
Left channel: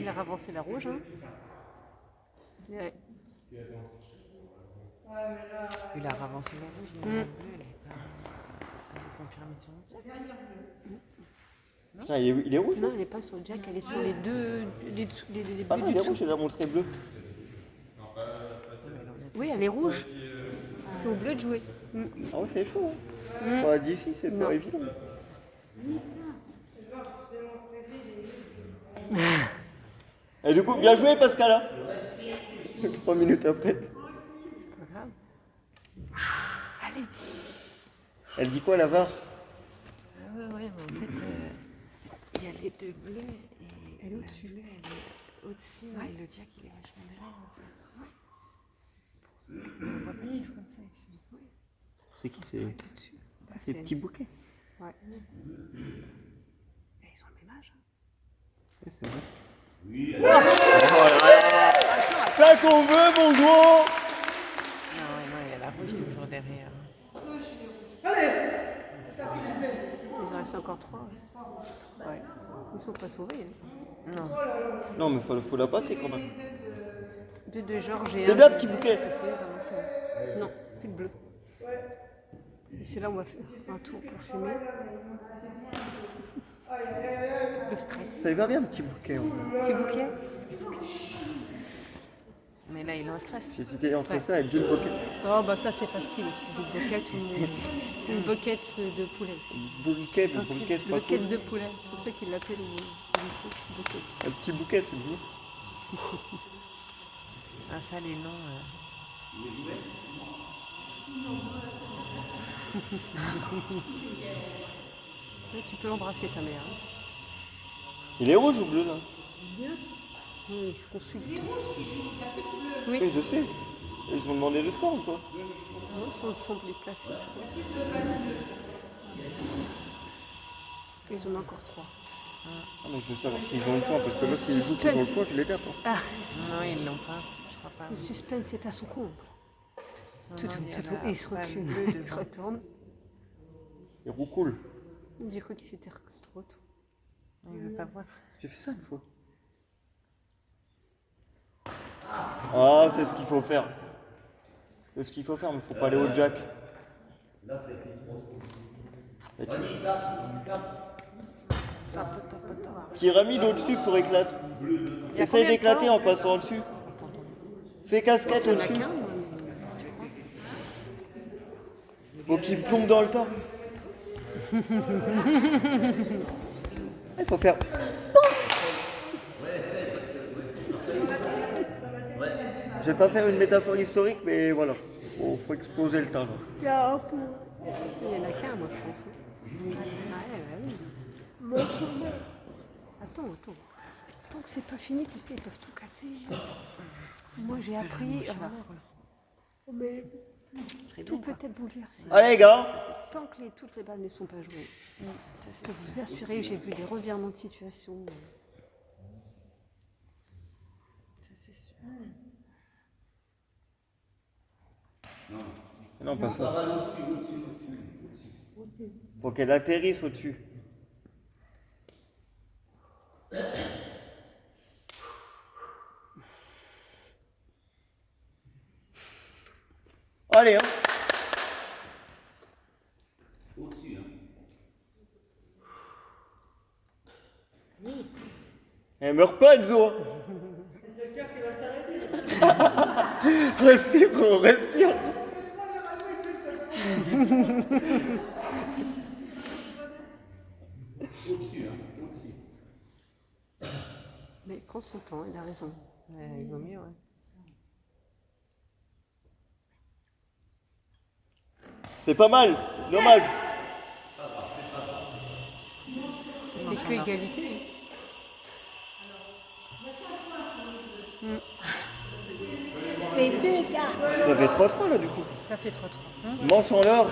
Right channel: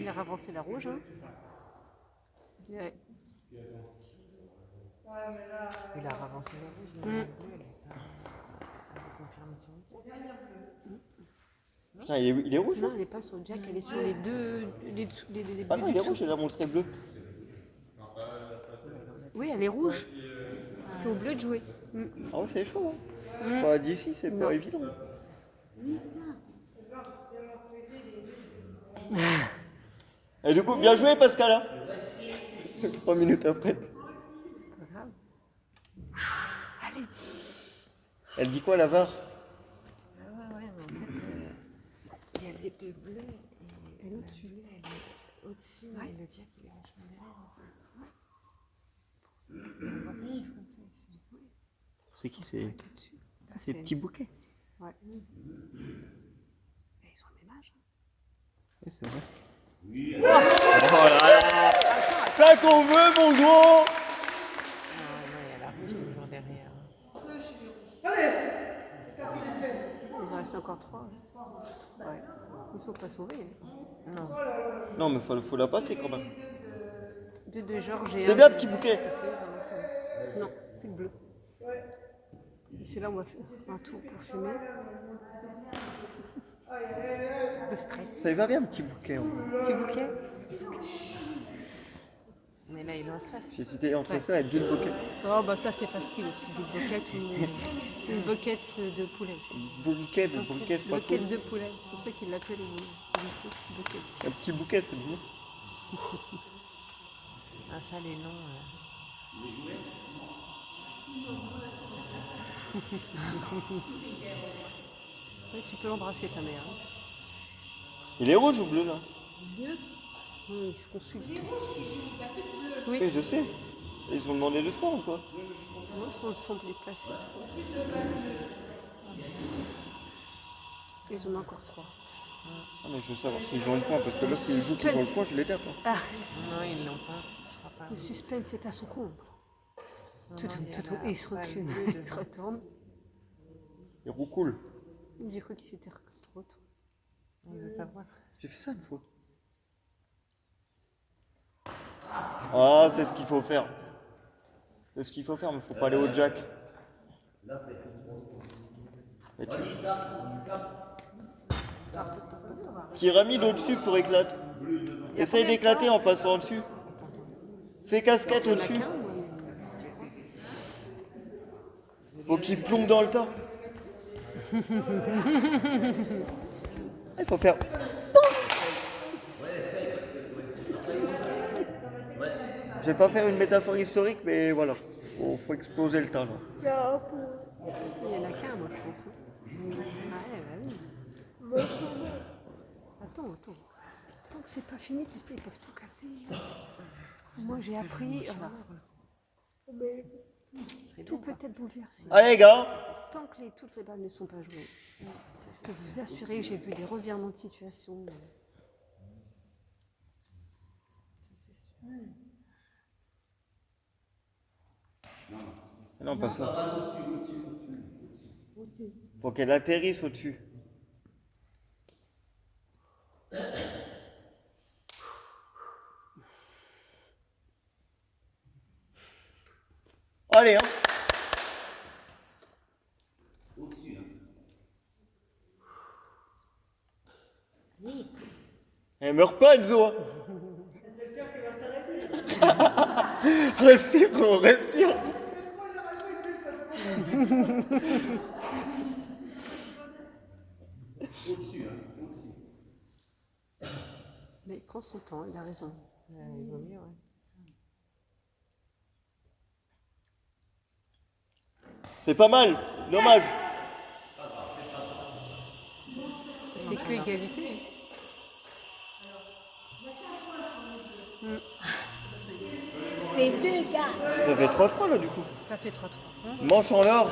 Il a ravancé la rouge, hein. Ouais. Il a avancé la rouge, mais la bleue, elle est pas. Elle est confirmée sur le jack. Putain, il est rouge. Non, elle n'est pas sur le jack, elle est sur les deux. Les Ah bleus non, du il est dessous. rouge, il a montré bleu. Oui, elle est rouge. C'est au bleu de jouer. Ah ouais c'est chaud. Hein. C'est pas d'ici, c'est Non. pas évident. Et du coup, bien joué Pascal. Hein. 3 minutes après. C'est pas grave. Allez. Elle dit quoi la VAR? Ouais, mais en fait, il y a les deux bleus et Elle est au-dessus. bleue, elle est au-dessus et le jack, il est vachement derrière. En fait. Ouais. Pour ça, on voit pas du tout comme ça ici. Ouais. C'est qui c'est? Au-dessus. C'est Petit Bouquet. Ouais. Et ils ont le même âge. Hein. Oui, c'est vrai. Oui. Voilà. Ça qu'on veut, mon gros. Non, non, il y a la rouge toujours derrière. Il en reste encore 3. Ouais. Ils sont pas sauvés. Hein. Non. Non, mais faut la passer quand même. Deux de Georges et C'est un. bien, Petit Bouquet. Parce que les en ont plus. Non, plus de bleu. Et c'est là où on va faire un tour pour fumer. Le stress. Ça y va bien, Petit Bouquet. Hein. Petit bouquet. Mais là, il est en stress. J'ai hésité entre Ouais. ça et Big Bouquet. Oh bah ça c'est facile aussi. Une boquette ou une boquette de poulet aussi. Bouquet, c'est pas Boquette cool. de poulet. C'est comme ça qu'ils l'appellent au lycée. Boquette. Un petit bouquet, c'est mieux. Ah, ça, les noms. Ouais, tu peux l'embrasser ta mère. Hein. Il est rouge ou bleu là? Oui, ils se consultent. Oui, Oui, je sais. Ils ont demandé le score ou quoi? non, ils sont ensemble déplacés, je crois. Ils en ont encore 3. Ah, mais je veux savoir s'ils ont le point, parce que là, s'ils jouent qu'ils ont le point, je les tape. Hein. Ah, Non, ils l'ont pas. Je crois pas. le suspense est à son comble. Tout, Non, il y en tout, a et il se pas recule, bleu il se devant. retourne. Il roucoule. J'ai cru qu'il s'était retourné. Il veut pas voir. J'ai fait ça une fois. Ah, c'est ce qu'il faut faire. C'est ce qu'il faut faire, mais faut pas aller au jack. Et pyramide au-dessus pour éclater. Essaye d'éclater en passant au-dessus. Fais casquette Il n'y en a au-dessus. qu'un, moi. Faut qu'il plombe dans le tas. Il faut faire. Je vais pas faire une métaphore historique, mais voilà. Faut exploser le tas. Là. Il n'y en a qu'un, moi, je pense. Hein. Ah ouais, bah oui. Attends. Tant que c'est pas fini, tu sais, ils peuvent tout casser. Moi, j'ai appris, voilà. Mais tout peut être bouleversé. Allez les gars. Tant que toutes les balles ne sont pas jouées, je peux vous assurer, j'ai vu des revirements de situation. Ça, c'est sûr. Non, pas ça. Faut qu'elle atterrisse au-dessus. Allez, hein. Au-dessus, hein. Elle meurt pas, Enzo. Respire, gros, respire. Au-dessus, hein. Au-dessus. Mais il prend son temps, il a raison. Il vaut mieux, ouais. C'est pas mal, dommage. Ça fait que égalité. Ça fait 3-3 là du coup. Ça fait 3-3. Manche en or.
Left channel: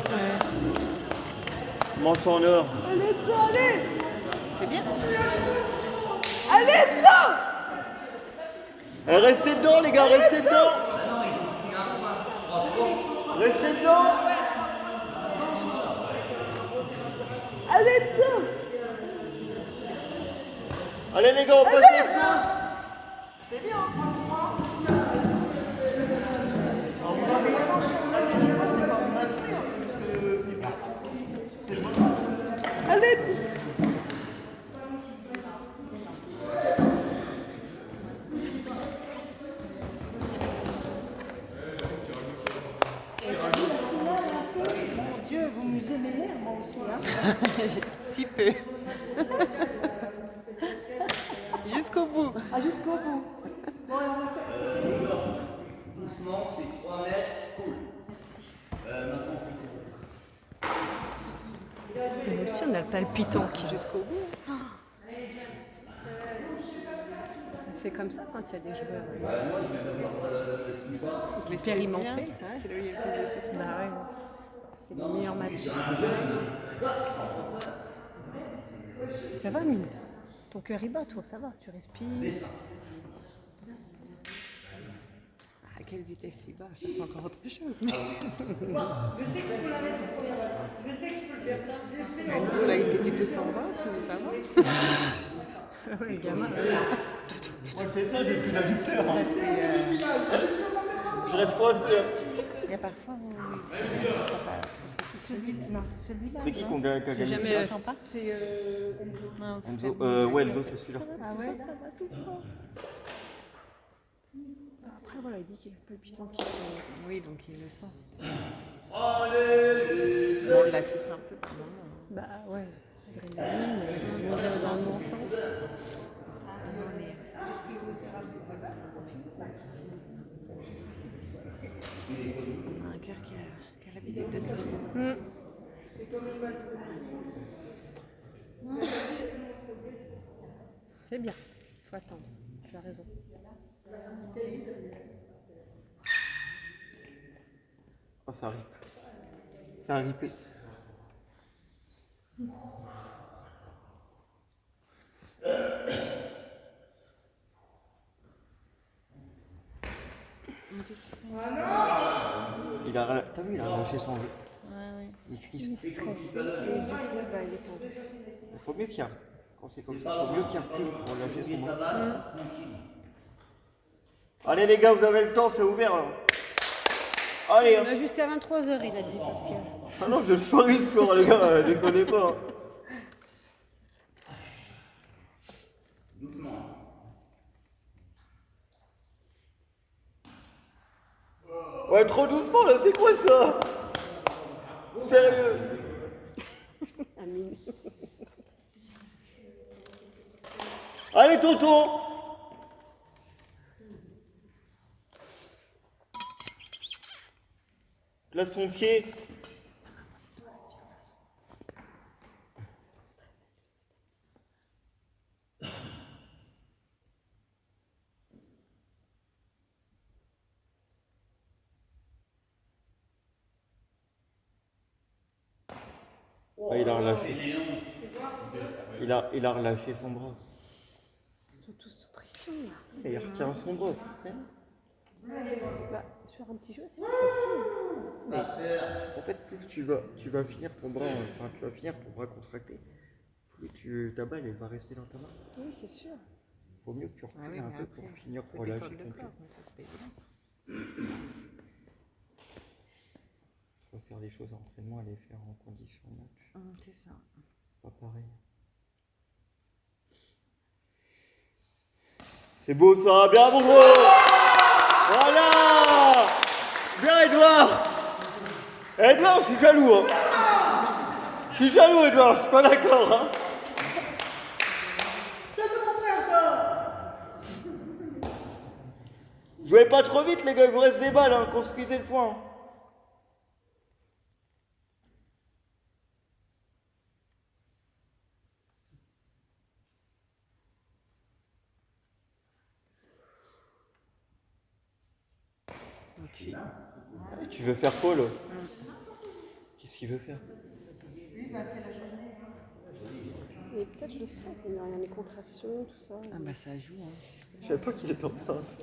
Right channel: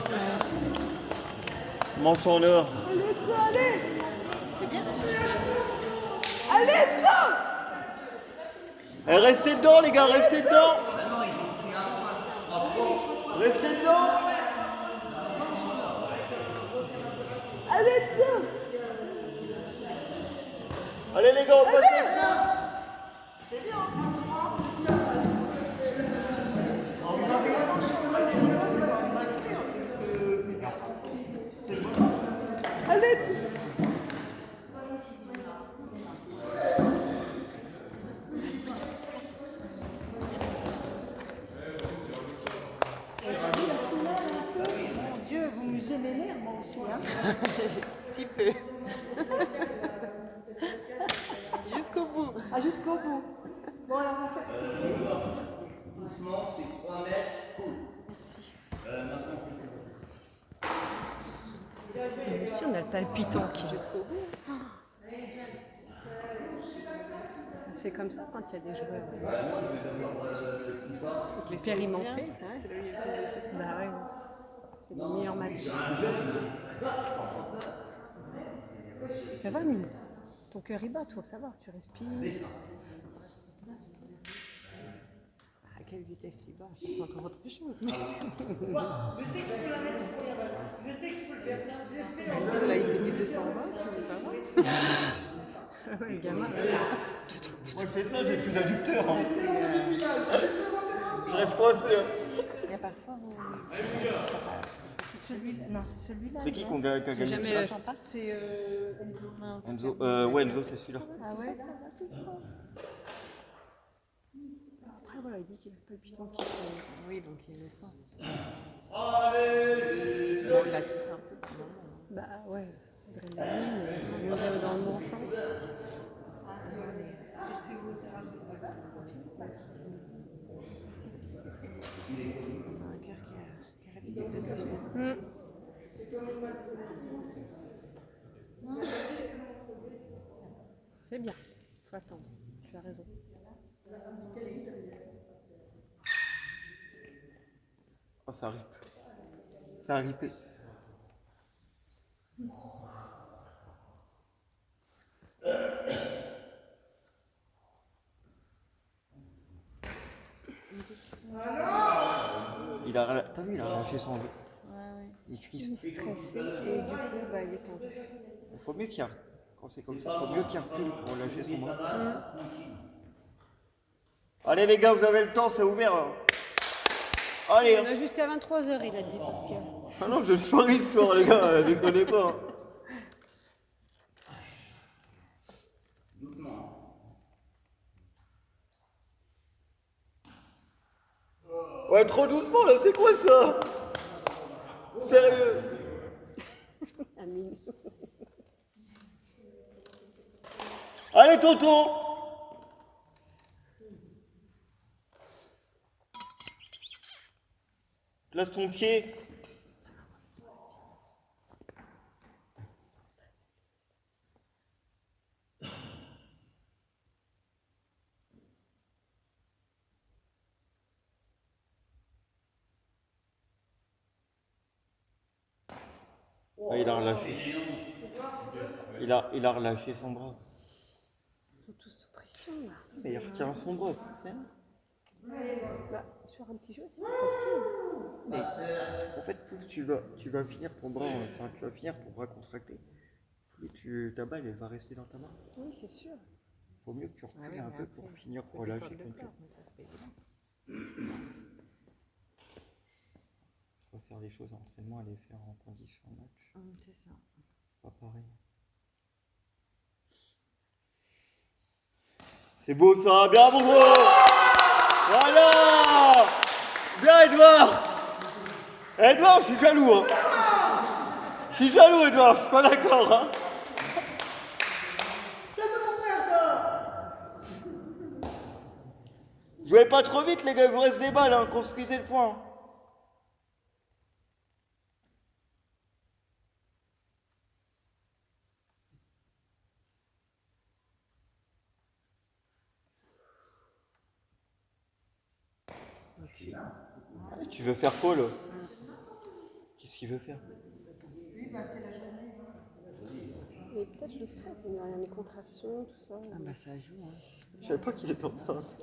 Manche en or. C'est bien. Eh, restez dedans les gars, restez dedans. Restez dedans. Allez les gars, on passe comme ça. Dieu, vous nous aimez l'air, moi aussi. Hein. Si peu. Jusqu'au bout. Ah, jusqu'au bout. Doucement, c'est 3 mètres, cool. Merci. Maintenant, Mais aussi, on a le palpitant qui Jusqu'au bout. C'est comme ça quand il y a des joueurs moi, je vais d'abord expérimentés. Ouais, c'est là où il y a le plus de suspense. Bah ouais, c'est les meilleurs matchs. Ça va, Mine? Ton cœur y bat, toi, ça va, tu respires. À quelle vitesse il va? Ça, c'est encore autre chose. Mais... Je sais que je peux la mettre en première balle. Je sais que je peux le faire. Enzo, là, il fait du 220, ça va? Ouais, le gamin, Moi je fais ça, j'ai plus l'adducteur. Ça, c'est... Je reste coincé. Il y a parfois où ça va. C'est celui-là. Non, c'est celui-là. C'est qui qu'on gagne? j'ai jamais. C'est Non, Enzo, ouais, Enzo, c'est celui-là. Ah ouais? Après, voilà, il dit qu'il y a le palpitant qui se. Oui, donc il le sent. On l'a tous un peu pour le moment. Bah ouais, adrénaline, on va dans le bon sens. On a un cœur qui a l'habitude de se dire. C'est bien, faut attendre, tu as raison. Oh, ça rip. Ça a ripé. Il a, t'as vu, il a lâché son jeu. Il crispe. Il est stressé et du coup, bah, il est tendu. Il faut mieux qu'il recule. Quand c'est comme ça, il faut mieux qu'il recule pour lâcher son bras. Allez les gars, vous avez le temps, c'est ouvert. Hein. Allez. On a jusqu'à 23h, il a dit, parce que. Ah non, je soirée le soir, les gars, déconnez pas. doucement. Ouais, trop doucement là, c'est quoi ça? Sérieux? Amine. Allez, tonton! Place ton pied. Ah, il a relâché. Il a relâché son bras. Ils sont tous sous pression là. Mais il retient son bras, forcément. Bah, sur un petit jeu, c'est plus facile. Mais, en fait, plus tu vas finir ton bras, enfin, tu vas finir ton bras contracté, plus ta balle, elle va rester dans ta main. Oui, c'est sûr. Il faut mieux que tu Ah recules oui, un mais peu après, pour finir, faut pour lâcher détendre le comme corps, ça. mais ça c'est pas évident. Tu vas faire des choses en entraînement, les faire en condition match. C'est ça. C'est pas pareil. C'est beau ça, bien mon gros. Voilà. Bien Edouard. Edouard, je suis jaloux. Hein. Je suis jaloux Edouard, je suis pas d'accord. Hein. C'est de mon frère, ça. Jouez pas trop vite les gars, il vous reste des balles, hein. Construisez le point. Tu veux faire quoi là? Qu'est-ce qu'il veut faire? Et peut-être le stress, mais rien, les contractions, tout ça. Ah bah ça joue. Hein. Je savais pas qu'il était enceinte.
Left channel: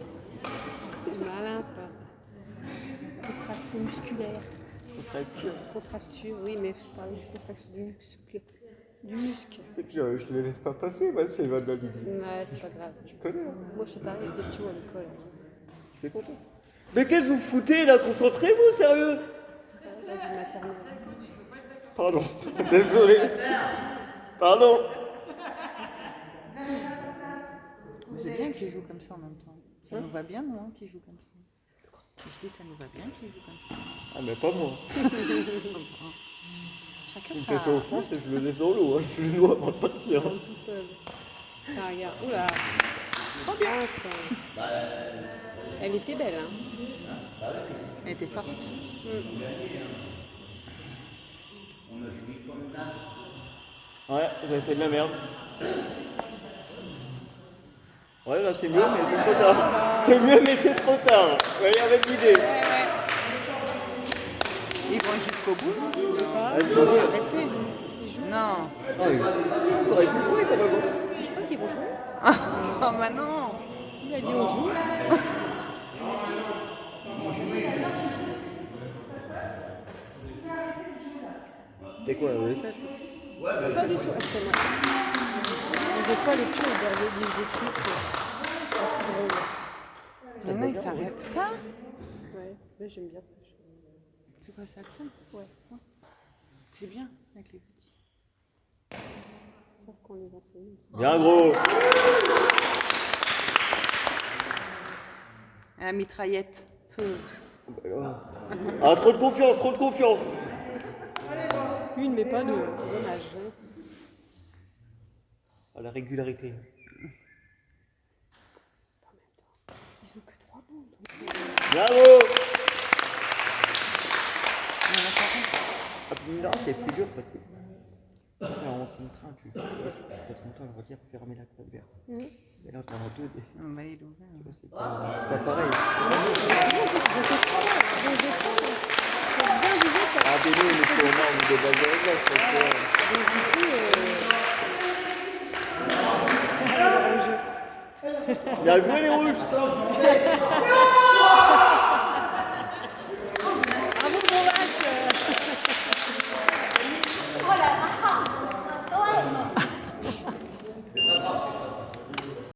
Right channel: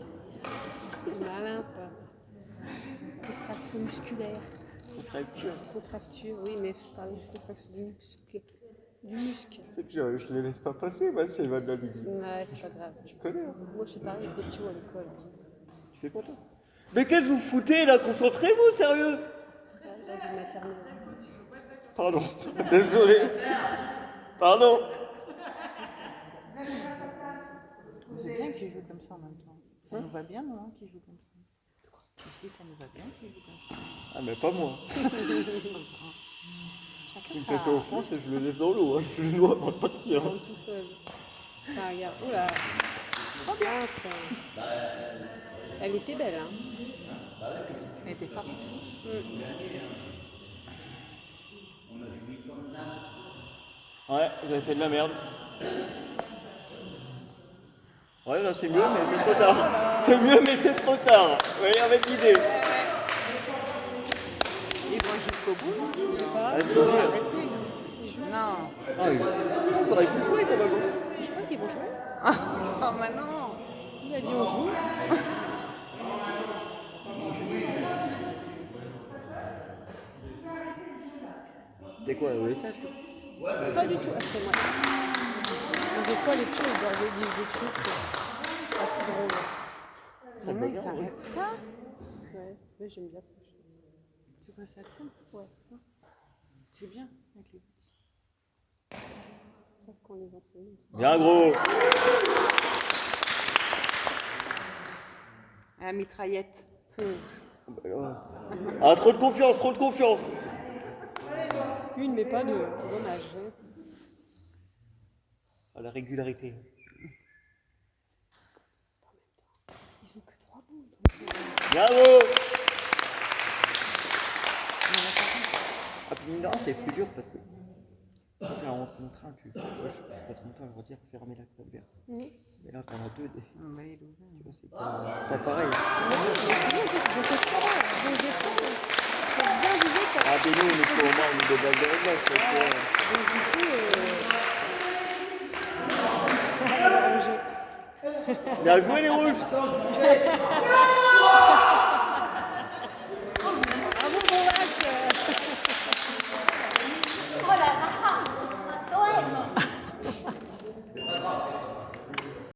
C'est malin ça. Contraction musculaire. Contracture, oui, mais je parlais de contraction du muscle. Du muscle. C'est que je les laisse pas passer, moi, c'est Evan Mabidi. Ouais, c'est pas grave. Tu connais, hein? Moi, c'est pareil, de tout à l'école. Tu fais quoi toi? Mais qu'est-ce que vous foutez là? Concentrez-vous, sérieux! Dans une maternelle. Pardon, désolé. Pardon. C'est bien qu'ils jouent comme ça en même temps. Ça nous va bien, nous, hein, qu'ils jouent comme ça. Je dis, ça nous va bien qu'ils jouent comme ça. Ah, mais pas moi. Chacun S'il me sa... fait ça au France, je le laisse dans l'eau, hein. Je le noie avant de partir. Prendre tout seul. Ah, regarde, oula. Trop bien ça. Elle était belle, hein. Elle était forte. Ouais, j'avais fait de la merde. Ouais, là c'est mieux, mais c'est trop tard. C'est mieux, mais c'est trop tard. Vous voyez, avec l'idée. Ils vont jusqu'au bout, non? Ah, Vas-y, ils vont vas-y. s'arrêter. Non. Ah, il faudrait plus jouer quand même. Je crois qu'ils vont jouer. Oh bah non. Il a dit on joue. C'est quoi, ESH? Pas du tout. Ah, c'est moi. Mais des fois, les petits, ils doivent dire des trucs. C'est pas si drôle. Mais non, ils s'arrêtent pas. Ouais, mais j'aime bien ce que je fais. C'est quoi ça, ça? Ouais. C'est bien avec les petits. Sauf qu'on les enseigne. Bien gros. À la mitraillette. Ah, trop de confiance, trop de confiance. Une, mais pas deux. Dommage. Hein. À la régularité. Ils ont que 3 bons. Bravo. Ah, puis là, c'est plus dur parce que quand tu es en contraint, tu passes ton temps, on va dire, fermer l'axe adverse. Mais là, t'en as deux. On va aller l'ouvrir. C'est pas pareil. Ah, mais nous, on est au nombre de balles de réglage. Bien joué, les rouges.